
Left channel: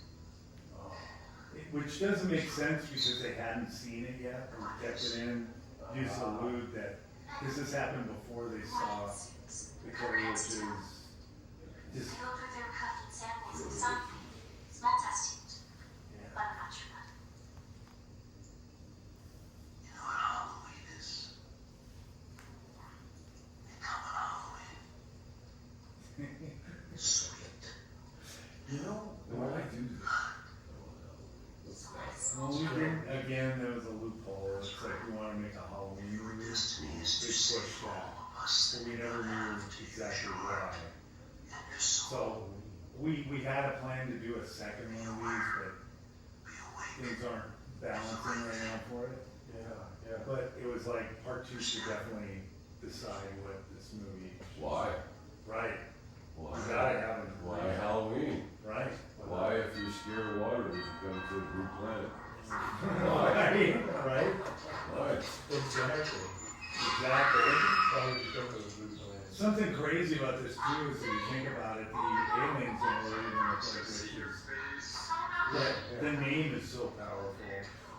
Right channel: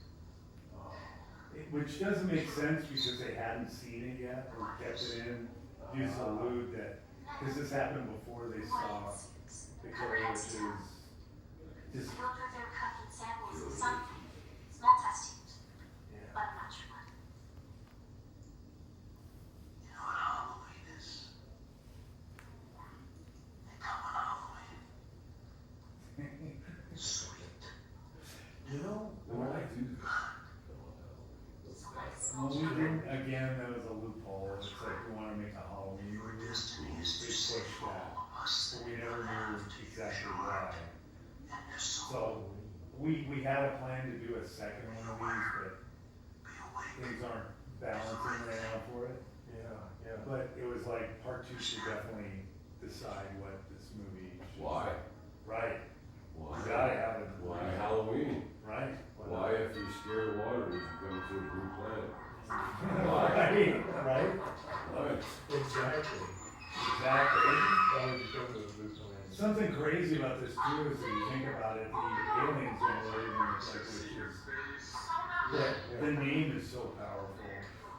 Which doesn't make sense because they hadn't seen it yet. We kept it in, just to allude that, because this happened before they saw Victoria, which is just, They look like they were collecting samples of something. Small test tubes. Yeah. But I'm not sure what. You know what Halloween is? They come on Halloween. Sweet. You know, When I do well, we didn't, again, there was a loophole. It's like we want to make a Halloween movie. They pushed that. But we never knew exactly why. And your So, soul we had a plan to do a second one of these, but be awake. things aren't balancing right now for it. yeah. But it was like part two should definitely decide what this movie. should Why? be. Right, Why? you gotta have it. Why Halloween? Right? Why, if you're scared of water, would you come to a blue planet? Right, right? Why? Exactly. Exactly. Why would you come to a blue planet? Something crazy about this too is if you think about it, the aliens don't really even look like witches. The name is so powerful.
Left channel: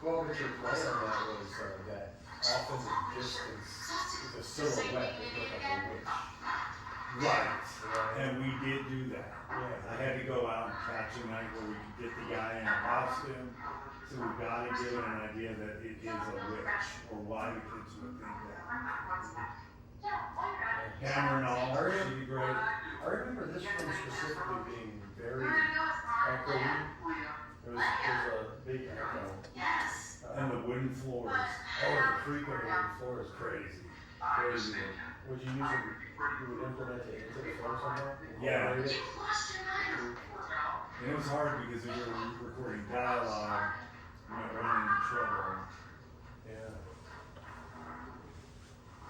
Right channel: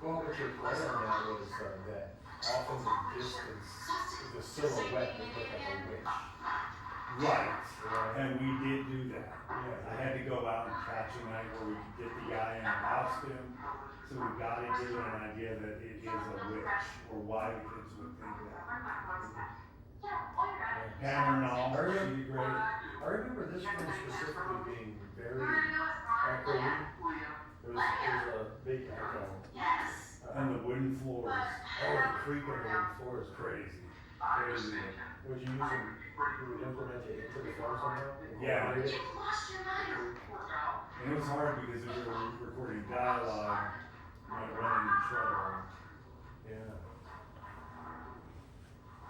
Well, what your plan on that was that often the distance is a silhouette that looked like a witch. Right. Yeah. And we did do that. Yeah. I had to go out and catch a night where we could get the guy in a costume. So we gotta give it an idea that it is a witch, or why kids would think that. Cameron all, she'd be great. I remember this one specifically being very echoey. There was a big echo. And the wooden floors, Oh, the creak of the floor is crazy, crazy. crazy. Would you use it, you would implement it into the film somehow? Yeah. Incorporate it? And it was hard because we were recording dialogue, we might run into trouble. Yeah.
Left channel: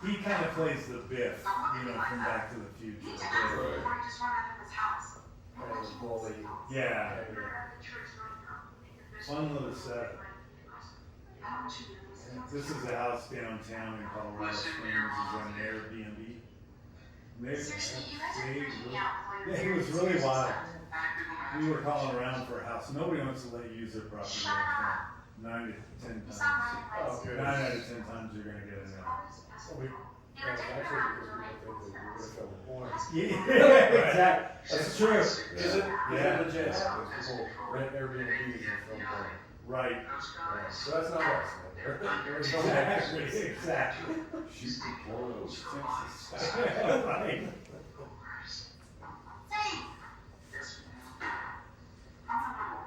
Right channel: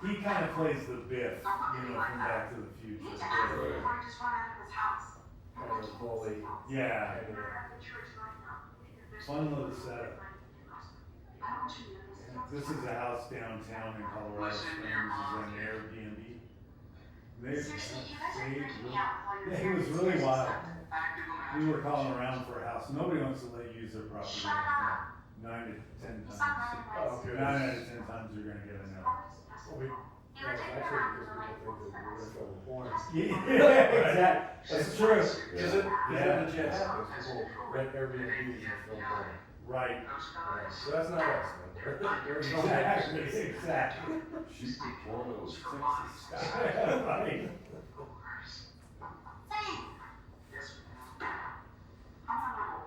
He kind of plays the Biff, from Back to the Future. Right. Kind of a bully. Yeah, Kind of, fun little setup. This is a house downtown in Colorado Springs, is an Airbnb. It was really wild. We were calling around for a house, nobody wants to let you use their property right now. 9 to 10 times. oh, good. 9 out of 10 times you're gonna get a no. Well, that's actually because people think that you're gonna film porn. Yeah, exactly, that's true. Is it, Yeah. legit happens, people rent Airbnbs and film porn. Right. Yeah, so that's not us, man. There's no Exactly, access. exactly. Shoot the porno is Texas. Right. Yes, ma'am. I'm from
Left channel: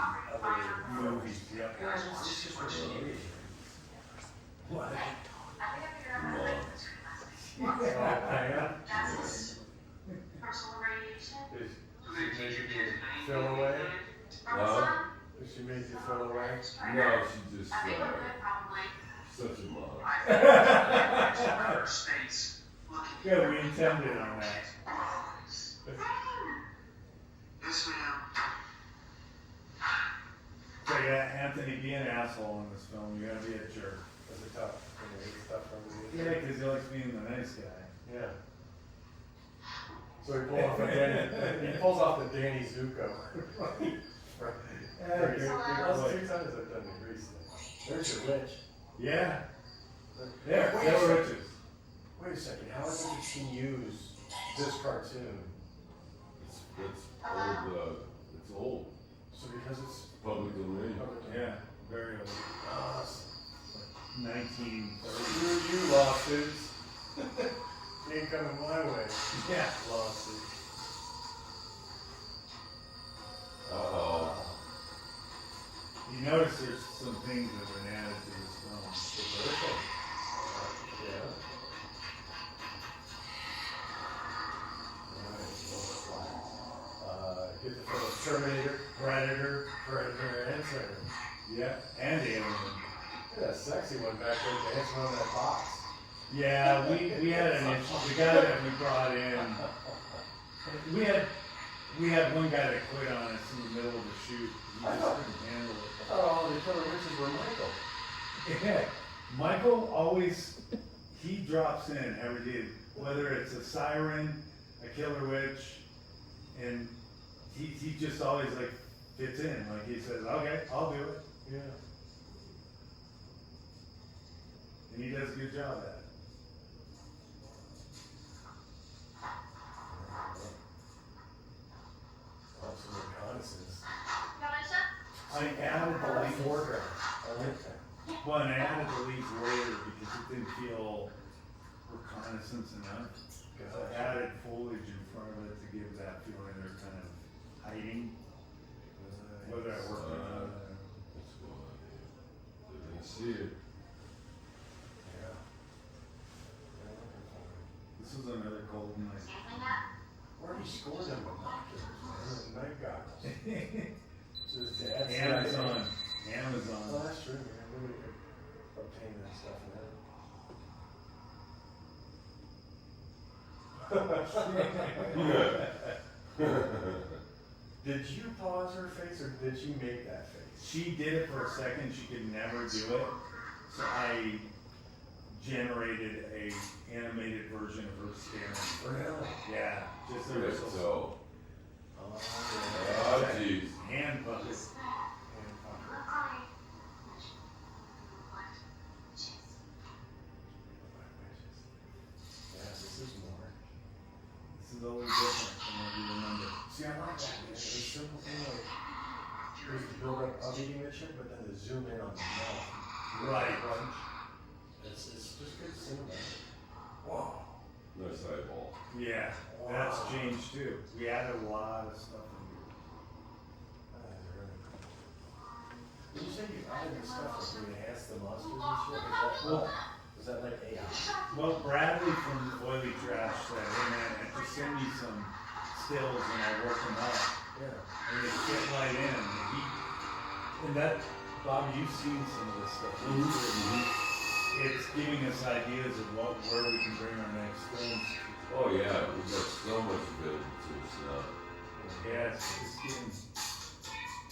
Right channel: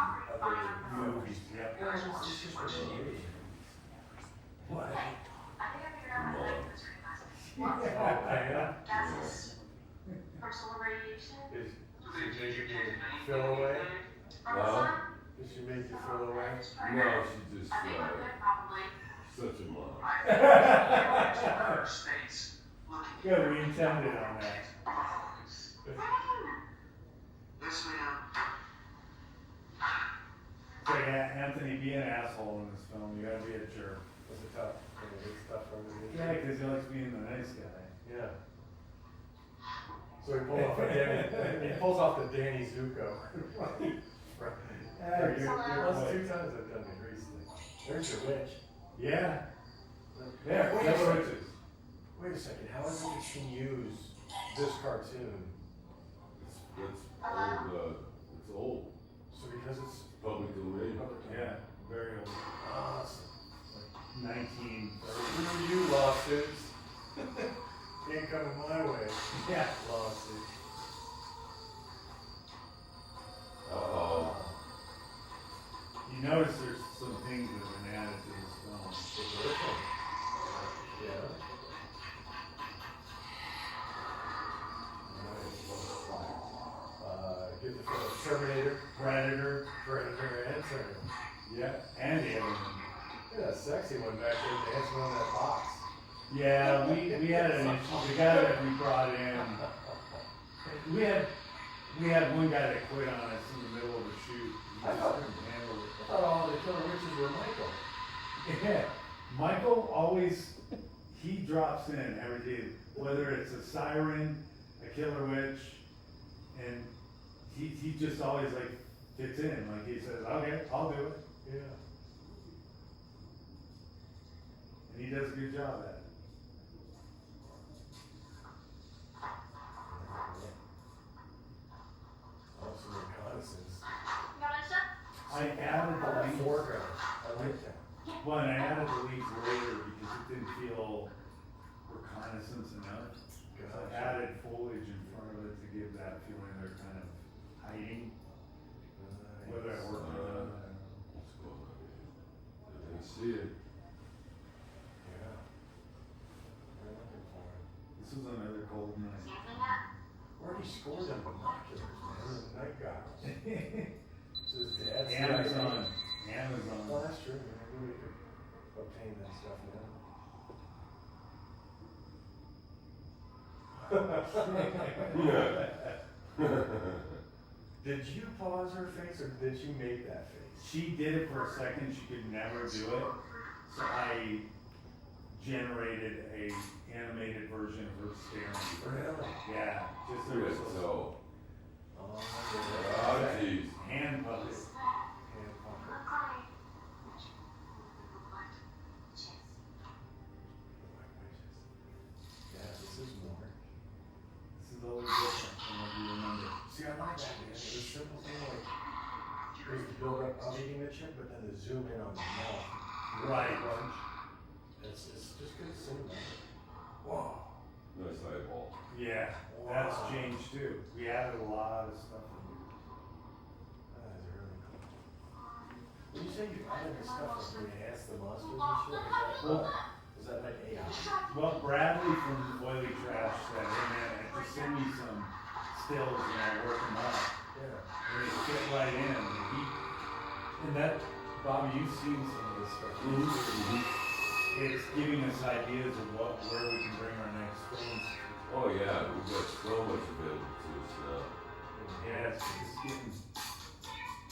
other Movies, yep. Yeah, it's just what you need. What? Yeah. Personal radiation. Is she making you feel away? Is she making you feel away? No, she just, such a mom. Good, we intended on that. Yes, ma'am. So yeah, Anthony, be an asshole in this film, you gotta be a jerk. It's a tough, it's tough for me. Yeah, cause he likes being the nice guy. Yeah. So he pulls off the Danny Zuko. Yeah, That's you're two right. times I've done it recently. There's your witch. Yeah, yeah, Wait a Kill second. Riches. Wait a second, how has he seen use this cartoon? It's old, So because it's public domain. public domain. Yeah, very old. Awesome. 1930. Screw you, lawsuits. Ain't coming my way. Yeah. Lawsuits. Uh-oh. You notice there's some things that were added to this film. The first one. Yeah. Nice. Get the film Terminator, Predator. Predator, and Terminator. Yeah, and Alien. Look at that sexy one back there dancing on that box. Yeah, we had an issue. The guy that we brought in, we had one guy that quit on us in the middle of the shoot. He just couldn't handle it. I thought all the killer witches were Michael. Yeah, Michael always, he drops in every day, whether it's a siren, a killer witch, and he just always like fits in. Like he says, okay, I'll do it. Yeah. And he does a good job at it. Also reconnaissance. I added Oh, the that leads, foreground. I like that. well, and I added the leads later because it didn't feel reconnaissance enough. Cause I added foliage in front of it to give that feeling they're kind of hiding, whether I worked on it. What's going on here? They didn't see it. Yeah. They're looking for it. This was another cold night. Where do you score them binoculars, man? Those night goggles. Just that's Amazon, Oh, Amazon. that's true, man. We could obtain that stuff now. Did you pause her face or did you make that face? She did it for a second, she could never do it, so I generated a animated version of her staring. Really? Yeah, just a Good, whistle. so, Oh, oh geez. Hand puppet. Yeah, this is more. This is always different from what you remember. See, I like that, man. It's a simple thing like, there's the build up of eating the chip, but then the zoom in on the mouth. Right. It's just good cinema. Whoa. Nice eyeball. Yeah, that's changed too. We added a lot of stuff in there. That's really cool. When you say you added this stuff, like you enhance the monsters and shit, is that like AI? Well, Bradley from Oily Trash said, hey man, if you send me some stills and I'll work them up, Yeah. and they fit right in, and that, Bob, you've seen some of this stuff. It's giving us ideas of where we can bring our next films to. Oh yeah, we've got so much available to us now. Yeah, it's getting,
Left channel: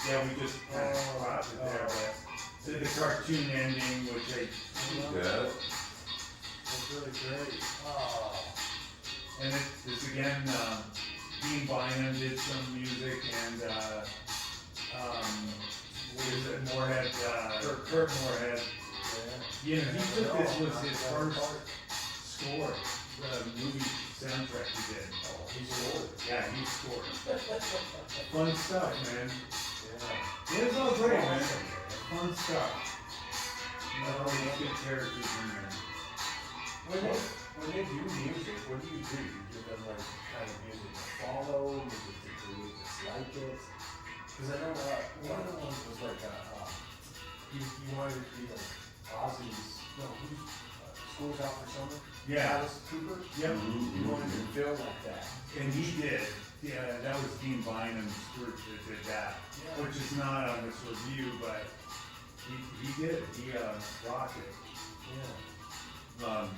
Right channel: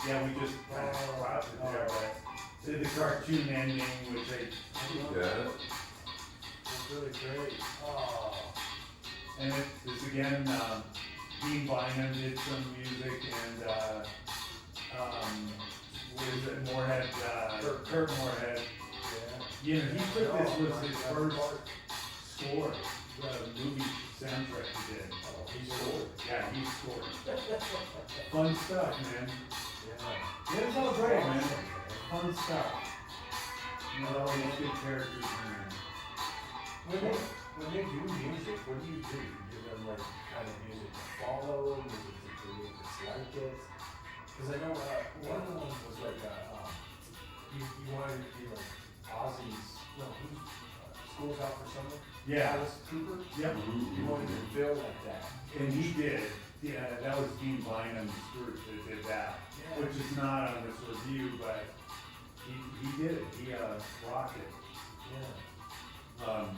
yeah, we just kind of brought it there, but did the cartoon ending, which I, Yeah, That's really great. Oh. and it's again, Dean Bynum did some music and, was it Moorhead, Kurt Moorhead. You know, he took this was his first score, movie soundtrack he did. Oh, he scored. Yeah, he scored. Fun stuff, man. Yeah. Yeah, it's all great, man. Fun stuff. You know, all these good characters in there. When they do music, what do? You give them like kind of music to follow, music to create, dislike it? Cause I know, one of the ones was like, you wanted it to be like Ozzy's, no, who's, School's Out for Summer? Yeah. Alice Cooper? Yep. You wanted to feel like that. And he did. Yeah, that was Dean Bynum's group that did that, which is not on this review, but he did. He rocked it. Yeah.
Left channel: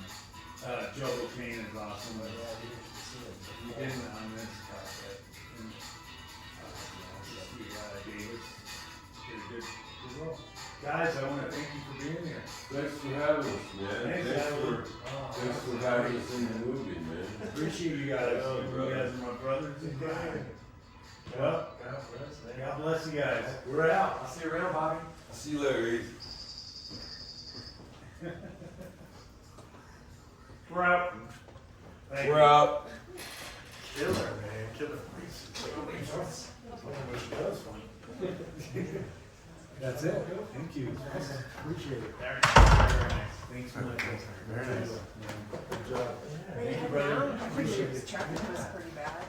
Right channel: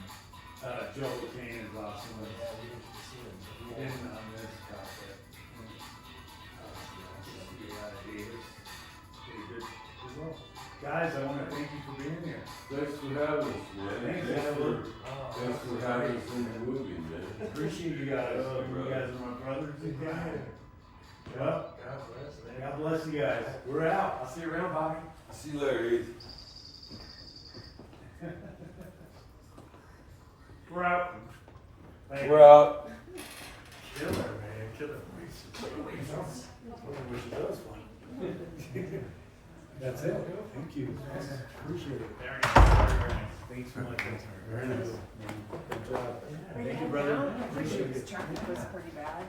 Joe O'Kane is awesome. Yeah, you can see it. He didn't on this cassette. Davis did a good role. Guys, I want to thank you for being here. Thanks for having us, man. Thanks for having us in the movie, man. Appreciate you guys. You guys are my brothers in crime. Well, God bless you guys. We're out. I'll see you around, Bobby. See you later, Heath. We're out. Thank We're you. out. Killer, man. Killer. I wish it was fun. That's it. Thank you. Appreciate it. Very nice. Very nice. Thanks so much. Very nice. Good job. Thank you, brother. Appreciate it. Traffic was pretty bad.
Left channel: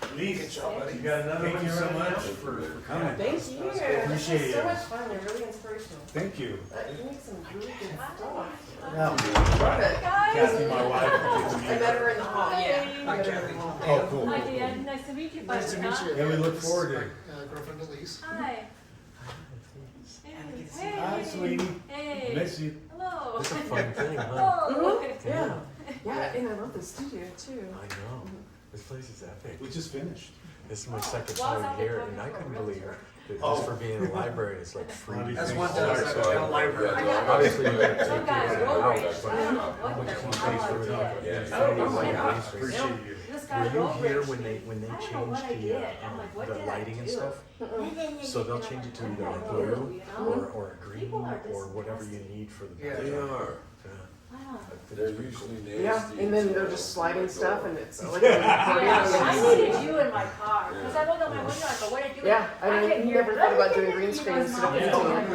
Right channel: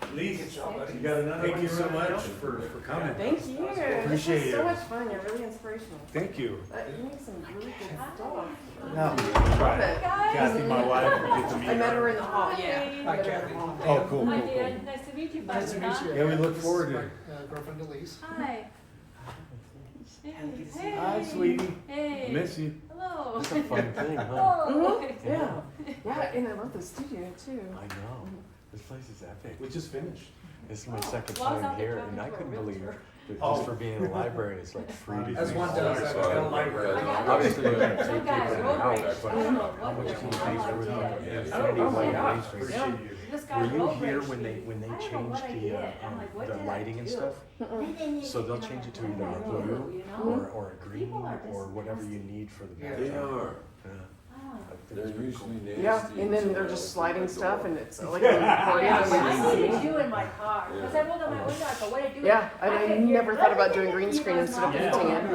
Please, you got another Thank you so much for coming. Thank you. Appreciate This was you. so much fun. You're really inspirational. Thank you. You make some really good stuff. Right. Kathy, my wife, we get to meet I met her her. in the hall. Yeah. Hi, Kathy. Oh, cool, Hi, cool, cool. Dan. Nice to meet you. Nice to meet you. Yeah, we look forward to This it. is my girlfriend Elise. Hi. Hey. Hi, sweetie. Hey. Miss you. Hello. This is a fun thing, huh? Oh. Yeah. Yeah, and I love the studio too. I know. This place is epic. We just finished. This is my second Well, I was time up here, there and I talking to a couldn't believe realtor. that just for being in a library, it's like free. That's one thing I was at a library. I got Obviously, you got some guys road rage. I don't know what they're Oh my gosh. Appreciate you. This guy Were you road here rage. when they I don't know changed what I the did. I'm like, what did I lighting and do? stuff? So they'll change it to either like blue or a green People are or whatever you need for the. Yeah. They are. Wow. They're usually nasty. Yeah, and then they're just sliding stuff and it's like. I needed you in my car because I rolled down my window. I go, what did I do? Yeah, I know, can't you hear. never thought about doing green screen instead of Yeah. painting it.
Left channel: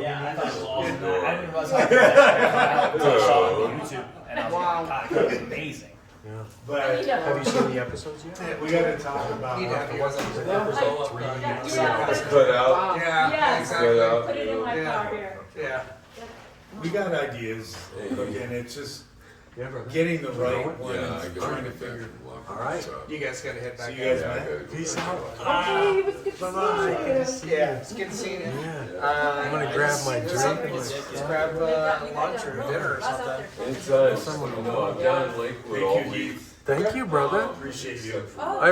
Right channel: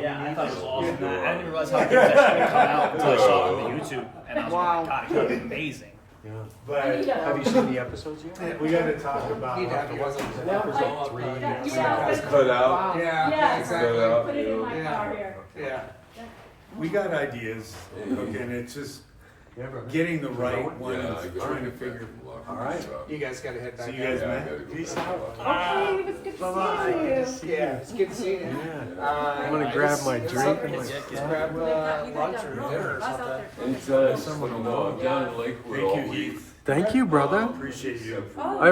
Yeah, I thought it was awesome. I didn't realize how good that shit would come out until I saw it on YouTube, and I was like, oh my god, it was amazing. Yeah. But I need Have you seen the episodes yet? we gotta talk about. Need to have you guys on the numbers all up. Yeah. It's cut out. Yeah, Yeah. exactly. Put it in my car here. Yeah. We got ideas, and it's just Yeah, brother. getting the right ones, Yeah, I go trying to figure. All right. You guys gotta head back. See you guys, Yeah, I man. gotta go. Peace out. Hey, it was good to see you. Yeah, it's good seeing you. Yeah. I'm gonna grab my drink. Let's grab lunch or dinner or something. Anytime someone will know, I've done Lakewood all week. Thank you, brother. Appreciate you. I